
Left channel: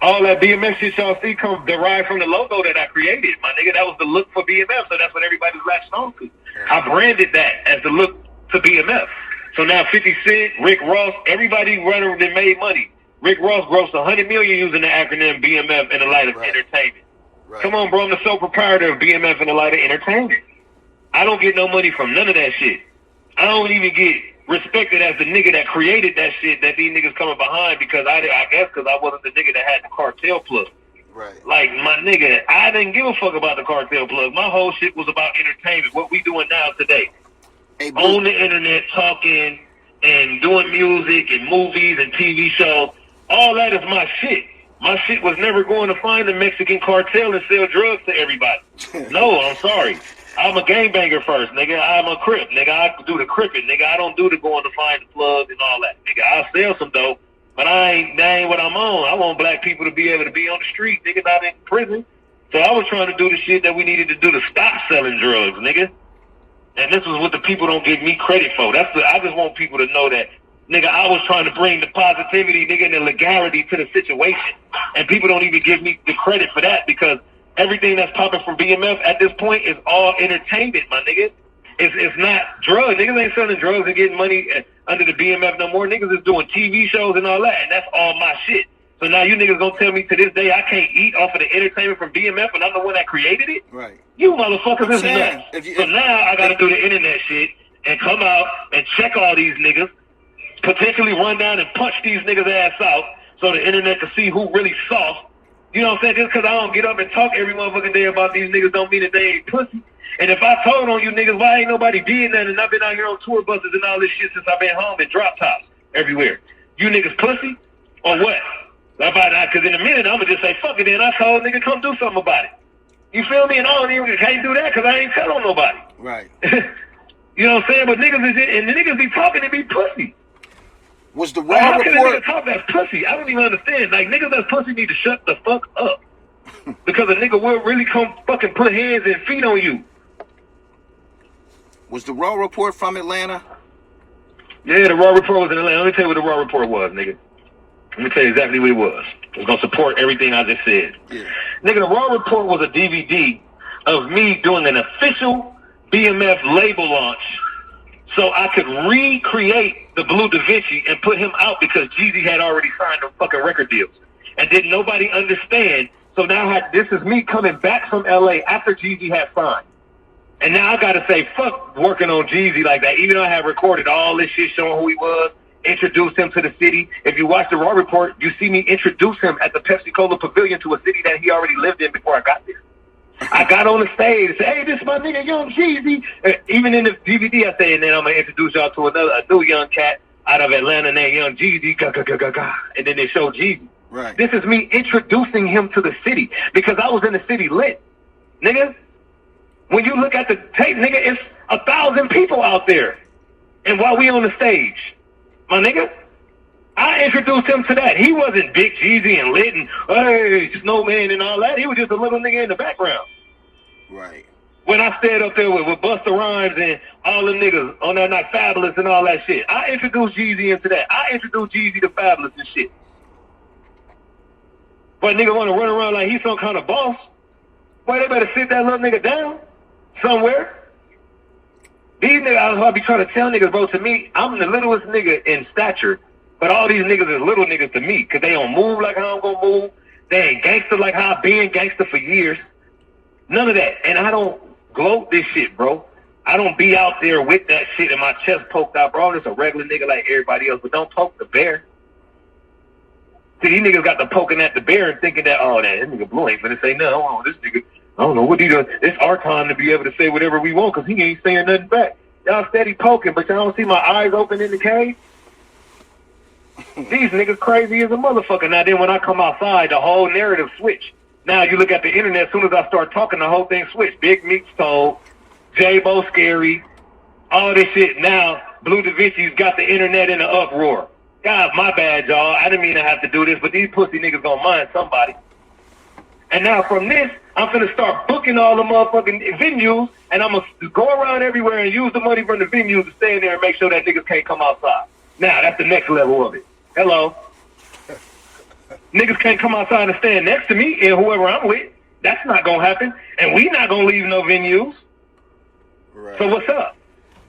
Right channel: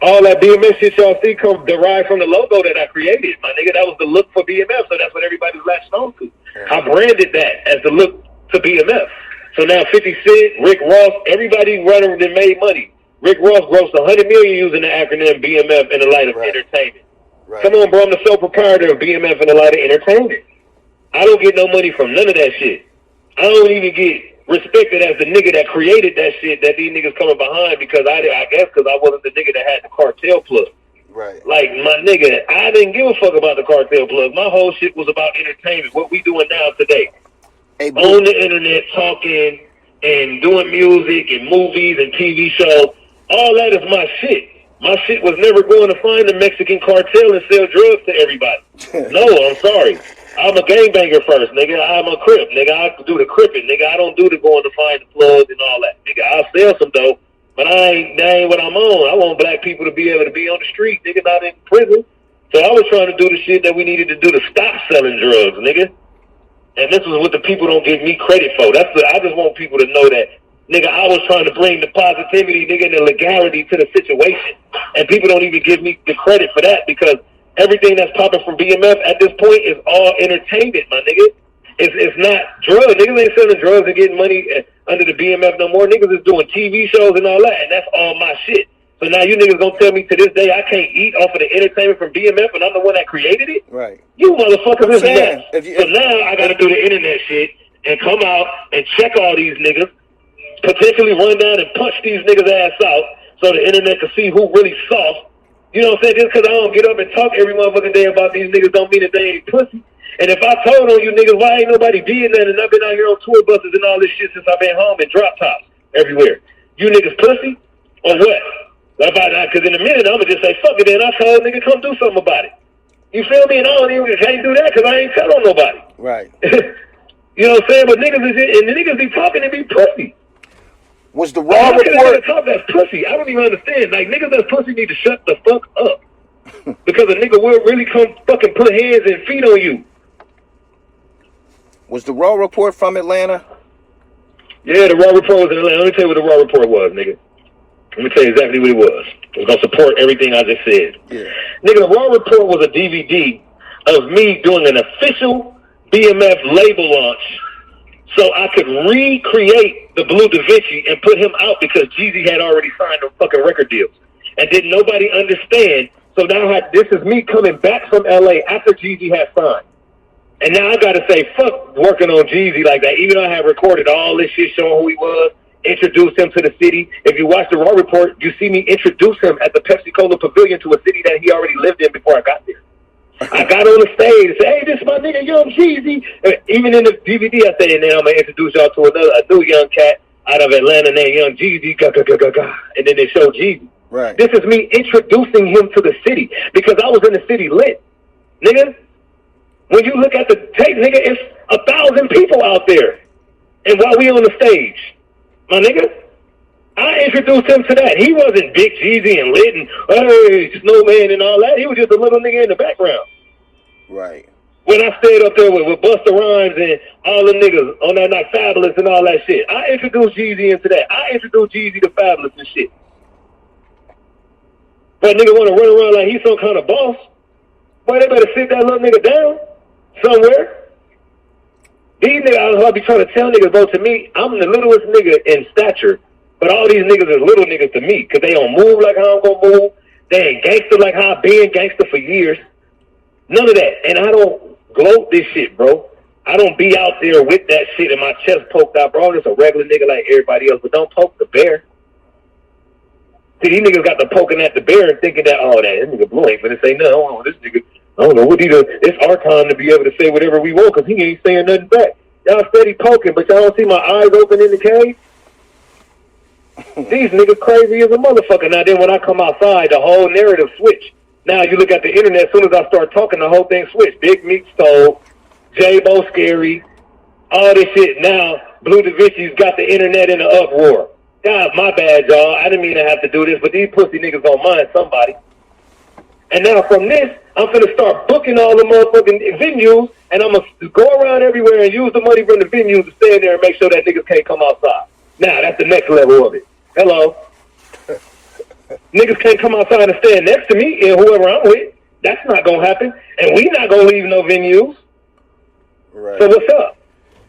All that BMF shit y'all see come derived from the logo that I created, my nigga. That was the look for BMF, so that's what everybody's latched on to. I branded that as the look to BMF. So now 50 Cent, Rick Ross, everybody running that made money. Rick Ross grossed $100 million using the acronym BMF in the light of entertainment. Right. Come on, bro, I'm the sole proprietor of BMF in the light of entertainment. I don't get no money from none of that shit. I don't even get respected as the nigga that created that shit that these niggas coming behind, because I guess because I wasn't the nigga that had the cartel plug. Right. Like, my nigga, I didn't give a fuck about the cartel plug. My whole shit was about entertainment, what we doing now today. Hey, on the internet, talking and doing music and movies and TV shows. All that is my shit. My shit was never going to find the Mexican cartel and sell drugs to everybody. No, I'm sorry. I'm a gangbanger first, nigga. I'm a crip, nigga. I do the cripping, nigga. I don't do the going to find the plugs and all that, nigga. I'll sell some dope, But that ain't what I'm on. I want black people to be able to be on the street, nigga, not in prison. So I was trying to do the shit that we needed to do to stop selling drugs, nigga. And this was what the people don't give me credit for. I just want people to know that, nigga, I was trying to bring the positivity, nigga, and the legality to the situation. And people don't even give me the credit for that because everything that's popping from BMF at this point is all entertainment, my nigga. It's not drugs. Niggas ain't selling drugs and getting money under the BMF no more. Niggas is doing TV shows and all that, and that's all my shit. So now you niggas gonna tell me to this day I can't eat off of the entertainment from BMF and I'm the one that created it? Right. You motherfuckers is nuts. So now I gotta do the internet shit and come out and check all these niggas, potentially run down and punch these niggas' ass out so the internet can see who really soft. You know what I'm saying? Just because I don't get up and talk every motherfucking day about these niggas don't mean that they ain't pussy. And if I told on you niggas, why ain't nobody being that? And I've been out here on tour buses and all this shit since I've been home and drop tops everywhere. You niggas pussy or what? Because in a minute, I'm going to just say, fuck it then. I told nigga, come do something about it. You feel me? And I don't even can't do that because I ain't tell on nobody. Right. You know what I'm saying? But niggas is and the niggas be talking and be pussy. Was the raw report? How can a nigga talk that's pussy? I don't even understand. Like, niggas that's pussy need to shut the fuck up. Because a nigga will really come fucking put hands and feet on you. Was the raw report from Atlanta? Yeah, the raw report was in Atlanta. Let me tell you what the raw report was, nigga. Let me tell you exactly what it was. It's going to support everything I just said. Yeah. Nigga, the raw report was a DVD of me doing an official BMF label launch so I could recreate the Bleu Davinci and put him out because Jeezy had already signed the fucking record deals. And didn't nobody understand. So now this is me coming back from LA after Jeezy had signed. And now I got to say, fuck working on Jeezy like that. Even though I had recorded all this shit showing who he was, introduced him to the city. If you watch the Raw report, you see me introduce him at the Pepsi-Cola Pavilion to a city that he already lived in before I got there. I got on the stage and said, hey, this is my nigga, Young Jeezy. Even in the DVD, I said, and then I'm going to introduce y'all to a new young cat out of Atlanta named Young Jeezy. And then they show Jeezy. Right. This is me introducing him to the city because I was in the city lit. Nigga, when you look at the tape, nigga, it's 1,000 people out there. And while we on the stage, my nigga, I introduced him to that. He wasn't Big Jeezy and lit and, hey, Snowman and all that. He was just a little nigga in the background. Right. When I stayed up there with Busta Rhymes and all the niggas on that night, Fabulous and all that shit, I introduced Jeezy into that. I introduced Jeezy to Fabulous and shit. But nigga want to run around like he's some kind of boss. Boy, they better sit that little nigga down somewhere. These niggas, I'll be trying to tell niggas, bro, to me, I'm the littlest nigga in stature, but all these niggas is little niggas to me, because they don't move like how I'm going to move. They ain't gangster like how I've been gangster for years. None of that. And I don't gloat this shit, bro. I don't be out there with that shit and my chest poked out, bro. I'm just a regular nigga like everybody else, but don't poke the bear. See, these niggas got the poking at the bear and thinking that, oh, that nigga Bleu ain't finna say no, this nigga, I don't know what he doing. It's our time to be able to say whatever we want because he ain't saying nothing back. Y'all steady poking, but y'all don't see my eyes open in the cave? These niggas crazy as a motherfucker. Now then when I come outside, the whole narrative switch. Now you look at the internet, as soon as I start talking, the whole thing switched. Big Meech told, J-Bo scary, all this shit. Now Bleu Davinci's got the internet in an uproar. God, my bad, y'all. I didn't mean to have to do this, but these pussy niggas gonna mind somebody. And now from this, I'm finna start booking all the motherfucking venues, and I'm gonna go around everywhere and use the money from the venues to stay in there and make sure that niggas can't come outside. Now, that's the next level of it. Hello. Niggas can't come outside and stand next to me and whoever I'm with. That's not gonna happen. And we not gonna leave no venues. Right. So what's up?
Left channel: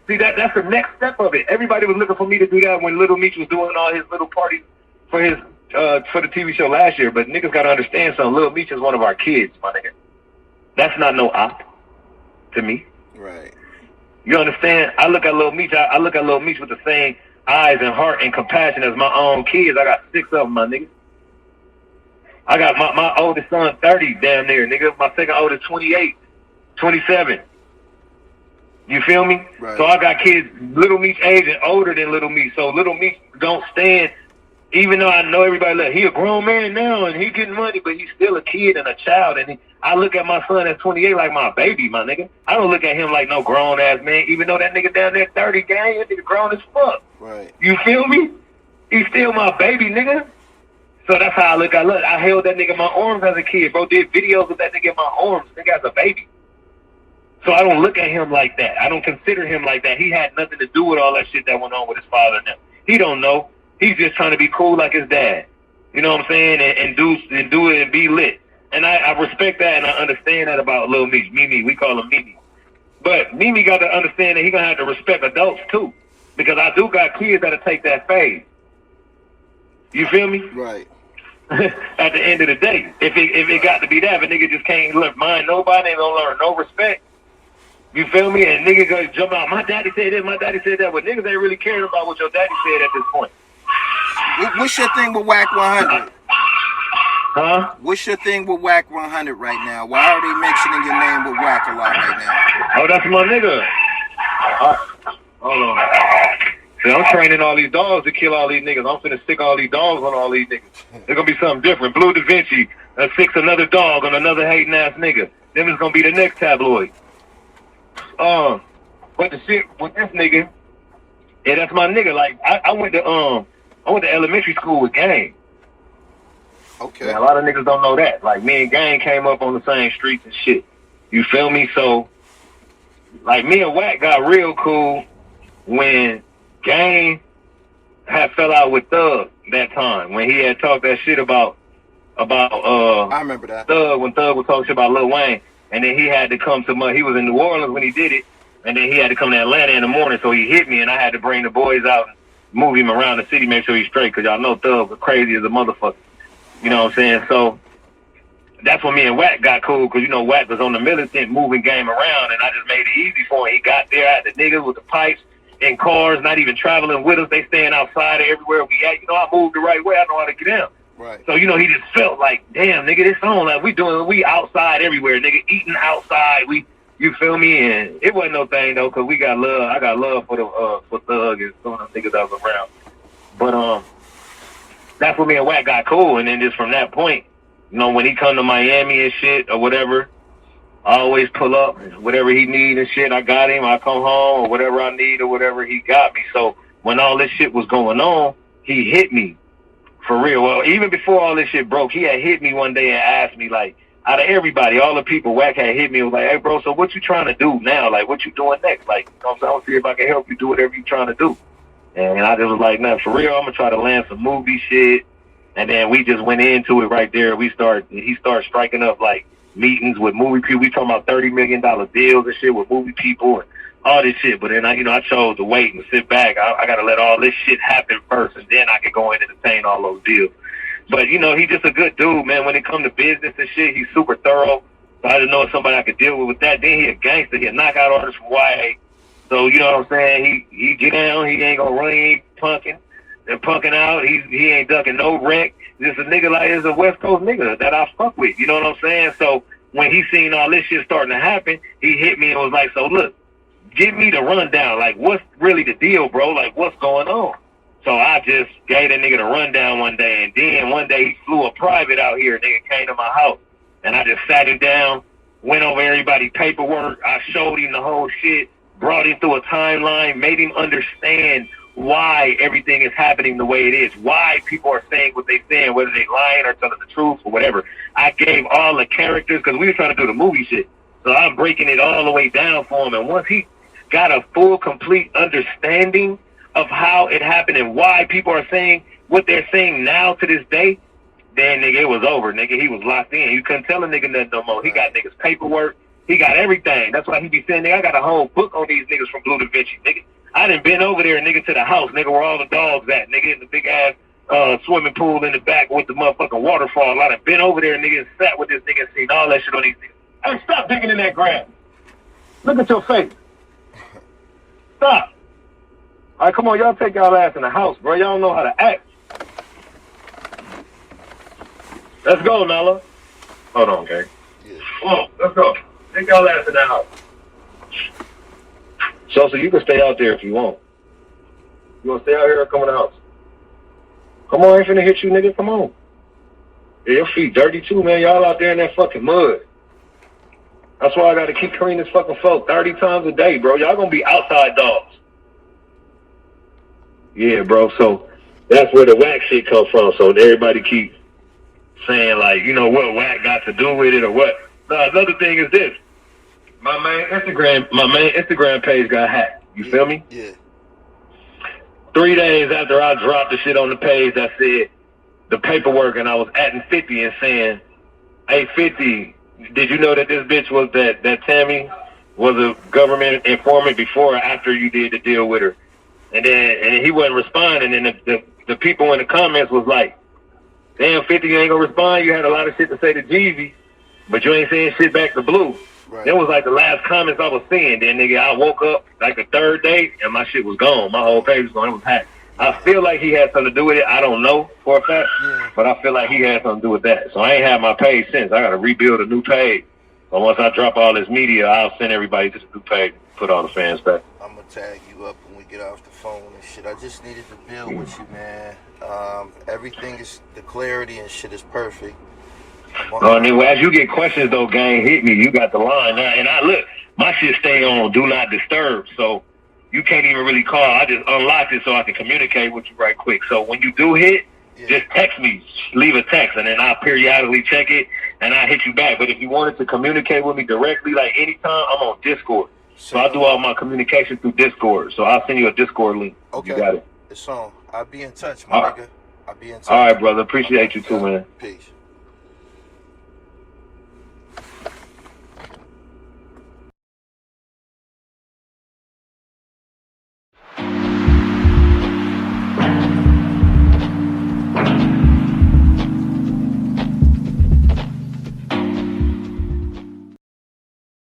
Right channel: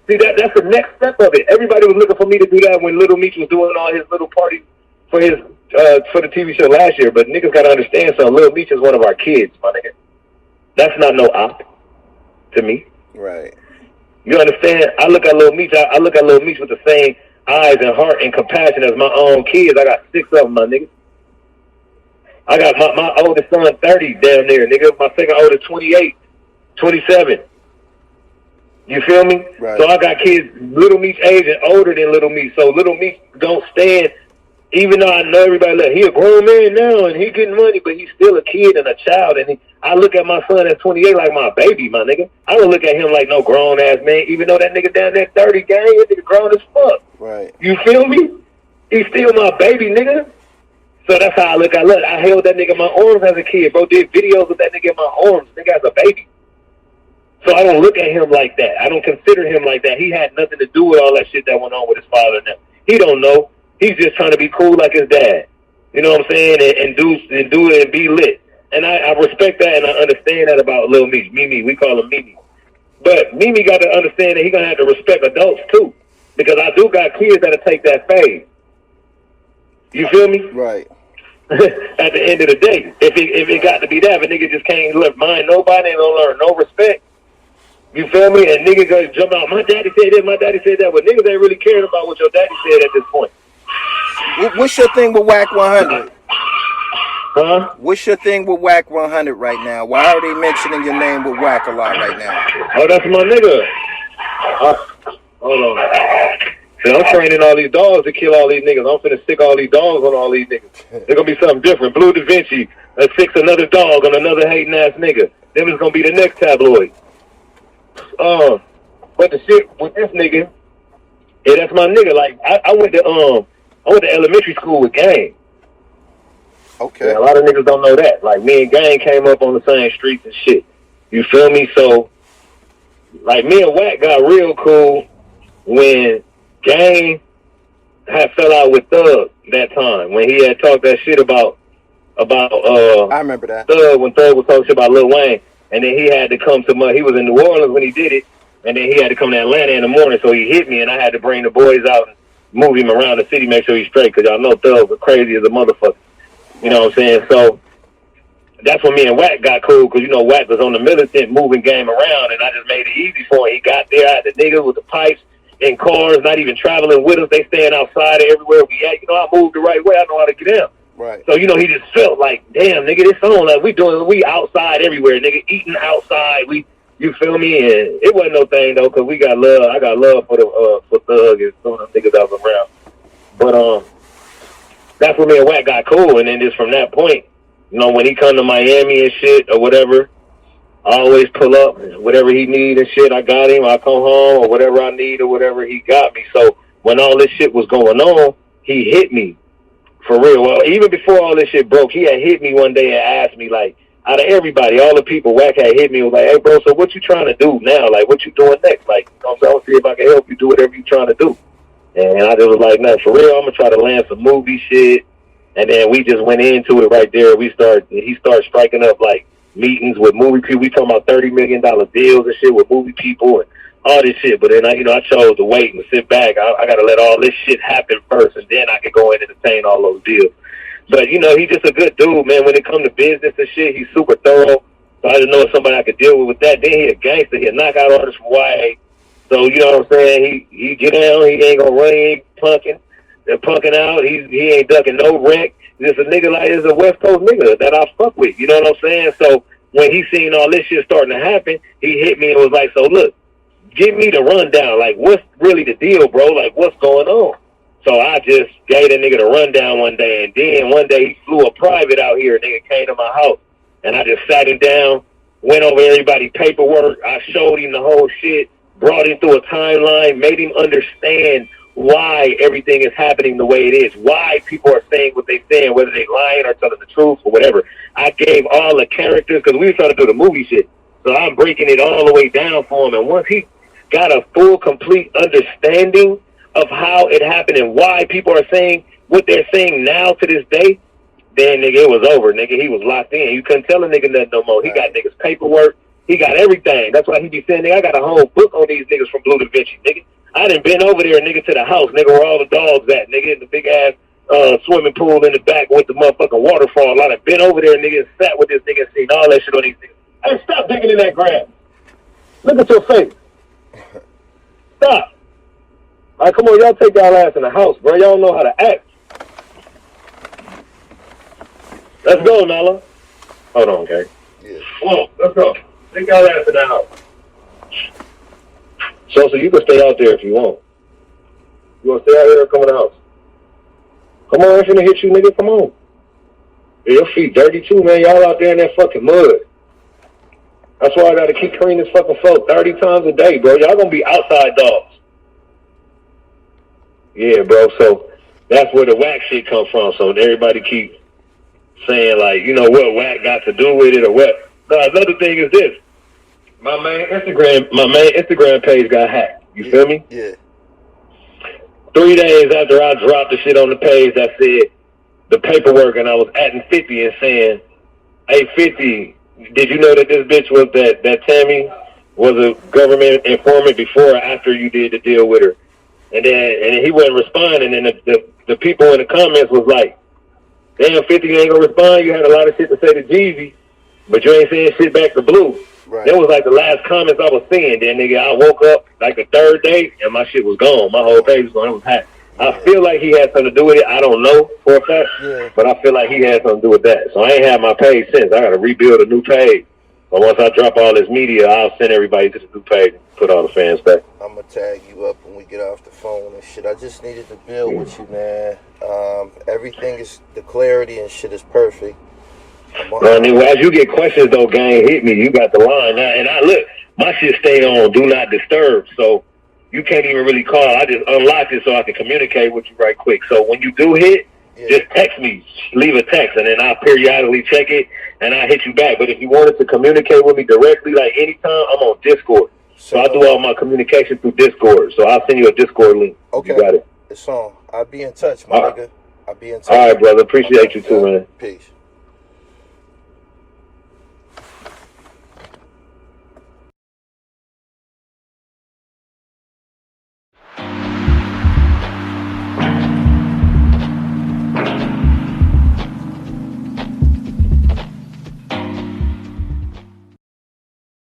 See, that's the next step of it. Everybody was looking for me to do that when Little Meech was doing all his little parties for his for the TV show last year. But niggas got to understand something. Little Meech is one of our kids, my nigga. That's not no op to me. Right. You understand? I look at Little Meech. I look at Little Meech with the same eyes and heart and compassion as my own kids. I got 6 of them, my nigga. I got my oldest son 30, damn near, nigga. My second oldest 28, 27. You feel me? Right. So I got kids Little Meech age and older than Little Meech. So Little Meech don't stand, even though I know everybody like, he a grown man now and he getting money, but he's still a kid and a child. And I look at my son at 28 like my baby, my nigga. I don't look at him like no grown ass man, even though that nigga down there 30, gang, that nigga grown as fuck. Right. You feel me? He's still my baby, nigga. So that's how I look. I held that nigga in my arms as a kid, bro. Did videos with that nigga in my arms, nigga, as a baby. So I don't look at him like that. I don't consider him like that. He had nothing to do with all that shit that went on with his father and them. He don't know. He's just trying to be cool like his dad. You know what I'm saying? And do it and be lit. And I respect that and I understand that about Lil Meech. Mimi, we call him Mimi. But Mimi got to understand that he gonna have to respect adults too. Because I do got kids that'll take that phase. You feel me? Right. At the end of the day, if it got to be that, if a nigga just can't mind nobody and don't learn no respect, you feel me? And nigga go jump out, my daddy said this, my daddy said that, but niggas ain't really caring about what your daddy said at this point. What's your thing with Wack 100? Huh? What's your thing with Wack 100 right now? Why are they mentioning your name with Wack a lot right now? Oh, that's my nigga. Hold on. See, I'm training all these dogs to kill all these niggas. I'm finna stick all these dogs on all these niggas. It's gonna be something different. Bleu Davinci sticks another dog on another hating ass nigga. Then it's gonna be the next tabloid. But the shit with this nigga, yeah, that's my nigga. Like I went to elementary school with Gang. Okay. Yeah, a lot of niggas don't know that. Like me and Gang came up on the same streets and shit. You feel me? So, like me and Wack got real cool when Gang had fell out with Thug that time when he had talked that shit about I remember that. Thug, when Thug was talking shit about Lil Wayne, and then he had to come to he was in New Orleans when he did it, and then he had to come to Atlanta in the morning, so he hit me, and I had to bring the boys out and move him around the city, make sure he's straight, because y'all know Thug was crazy as a motherfucker. You know what I'm saying? So that's when me and Wack got cool, because, you know, Wack was on the militant moving game around, and I just made it easy for him. He got there, I had the niggas with the pipes in cars, not even traveling with us. They staying outside everywhere we at. You know, I moved the right way. I know how to get in. Right. So, you know, he just felt like, damn, nigga, this song, like, we outside everywhere, nigga, eating outside. You feel me? And it wasn't no thing, though, because we got love. I got love for Thug and some of them niggas that was around. But, that's when me and Wack got cool. And then just from that point, you know, when he come to Miami and shit or whatever, I always pull up, whatever he need and shit, I got him. I come home or whatever I need or whatever he got me. So when all this shit was going on, he hit me for real. Well, even before all this shit broke, he had hit me one day and asked me, like, out of everybody, all the people Wack had hit me, was like, hey, bro, so what you trying to do now? Like, what you doing next? Like, you know what I'm saying? I'll see if I can help you do whatever you trying to do. And I just was like, nah, for real, I'm going to try to land some movie shit. And then we just went into it right there. He started striking up, like, meetings with movie people. We talking about $30 million deals and shit with movie people and all this shit. But then I chose to wait and sit back. I got to let all this shit happen first, and then I can go in and entertain all those deals. But, you know, he's just a good dude, man. When it comes to business and shit, he's super thorough. So I just know somebody I could deal with that. Then he a gangster. He a knockout artist from YA. So, you know what I'm saying? He get down. He ain't going to run. He ain't punking. They're punking out. He ain't ducking no wreck. Just a nigga like, is a West Coast nigga that I fuck with. You know what I'm saying? So when he seen all this shit starting to happen, he hit me and was like, so look, give me the rundown. Like, what's really the deal, bro? Like, what's going on? So I just gave that nigga the rundown one day. And then one day he flew a private out here. Nigga came to my house. And I just sat him down, went over everybody's paperwork. I showed him the whole shit, brought him through a timeline, made him understand why everything is happening the way it is, why people are saying what they're saying, whether they're lying or telling the truth or whatever. I gave all the characters, because we were trying to do the movie shit. So I'm breaking it all the way down for him. And once he got a full, complete understanding of how it happened and why people are saying what they're saying now to this day, then, nigga, it was over, nigga. He was locked in. You couldn't tell a nigga nothing no more. He got niggas' paperwork. He got everything. That's why he be saying, nigga, I got a whole book on these niggas from Bleu Davinci, nigga. I done been over there, nigga, to the house, nigga, where all the dogs at, nigga, in the big-ass swimming pool in the back with the motherfucking waterfall. I done been over there, nigga, and sat with this nigga and seen all that shit on these niggas. Hey, stop digging in that grass. Look at your face. Stop. All right, come on, y'all take y'all ass in the house, bro. Y'all know how to act. Let's go, Nala. Hold on, okay? Yeah. Come on, let's go. Take y'all ass in the house. So you can stay out there if you want. You want to stay out here or come in the house? Come on, I'm finna hit you, nigga. Come on. Yeah, your feet dirty too, man. Y'all out there in that fucking mud. That's why I got to keep cleaning this fucking floor 30 times a day, bro. Y'all going to be outside dogs. Yeah, bro. So That's where the Wack shit comes from. So everybody keeps saying, like, you know, what Wack got to do with it or what. No, another thing is this. My main Instagram page got hacked. You feel me? Yeah. 3 days after I dropped the shit on the page, I said the paperwork, and I was adding 50 and saying, hey, 50, did you know that this bitch was that Tammy was a government informant before or after you did the deal with her? And then he wasn't responding, and the people in the comments was like, damn, 50, you ain't gonna respond? You had a lot of shit to say to Jeezy, but you ain't saying shit back to Blue. Right. That was like the last comments I was seeing. Then, nigga, I woke up like the third day, and my shit was gone. My whole page was gone. It was hacked. I feel like he had something to do with it. I don't know for a fact, but I feel like he had something to do with that. So I ain't had my page since. I got to rebuild a new page. But once I drop all this media, I'll send everybody to the new page and put all the fans back. I'm going to tag you up when we get off the phone and shit. I just needed to build with you, man. Everything is, the clarity and shit is perfect. As you get questions, though, gang, hit me. You got the line now. And I look, my shit stay on Do Not Disturb, so you can't even really call. I just unlocked it so I can communicate with you right quick. So when you do hit, just text me. Leave a text, and then I'll periodically check it, and I'll hit you back. But if you wanted to communicate with me directly, like anytime, I'm on Discord. So I do all my communication through Discord. So I'll send you a Discord link. Okay. You got it. It's on. I'll be in touch, my nigga. I'll be in touch. All right, brother. Appreciate you too, man. Peace.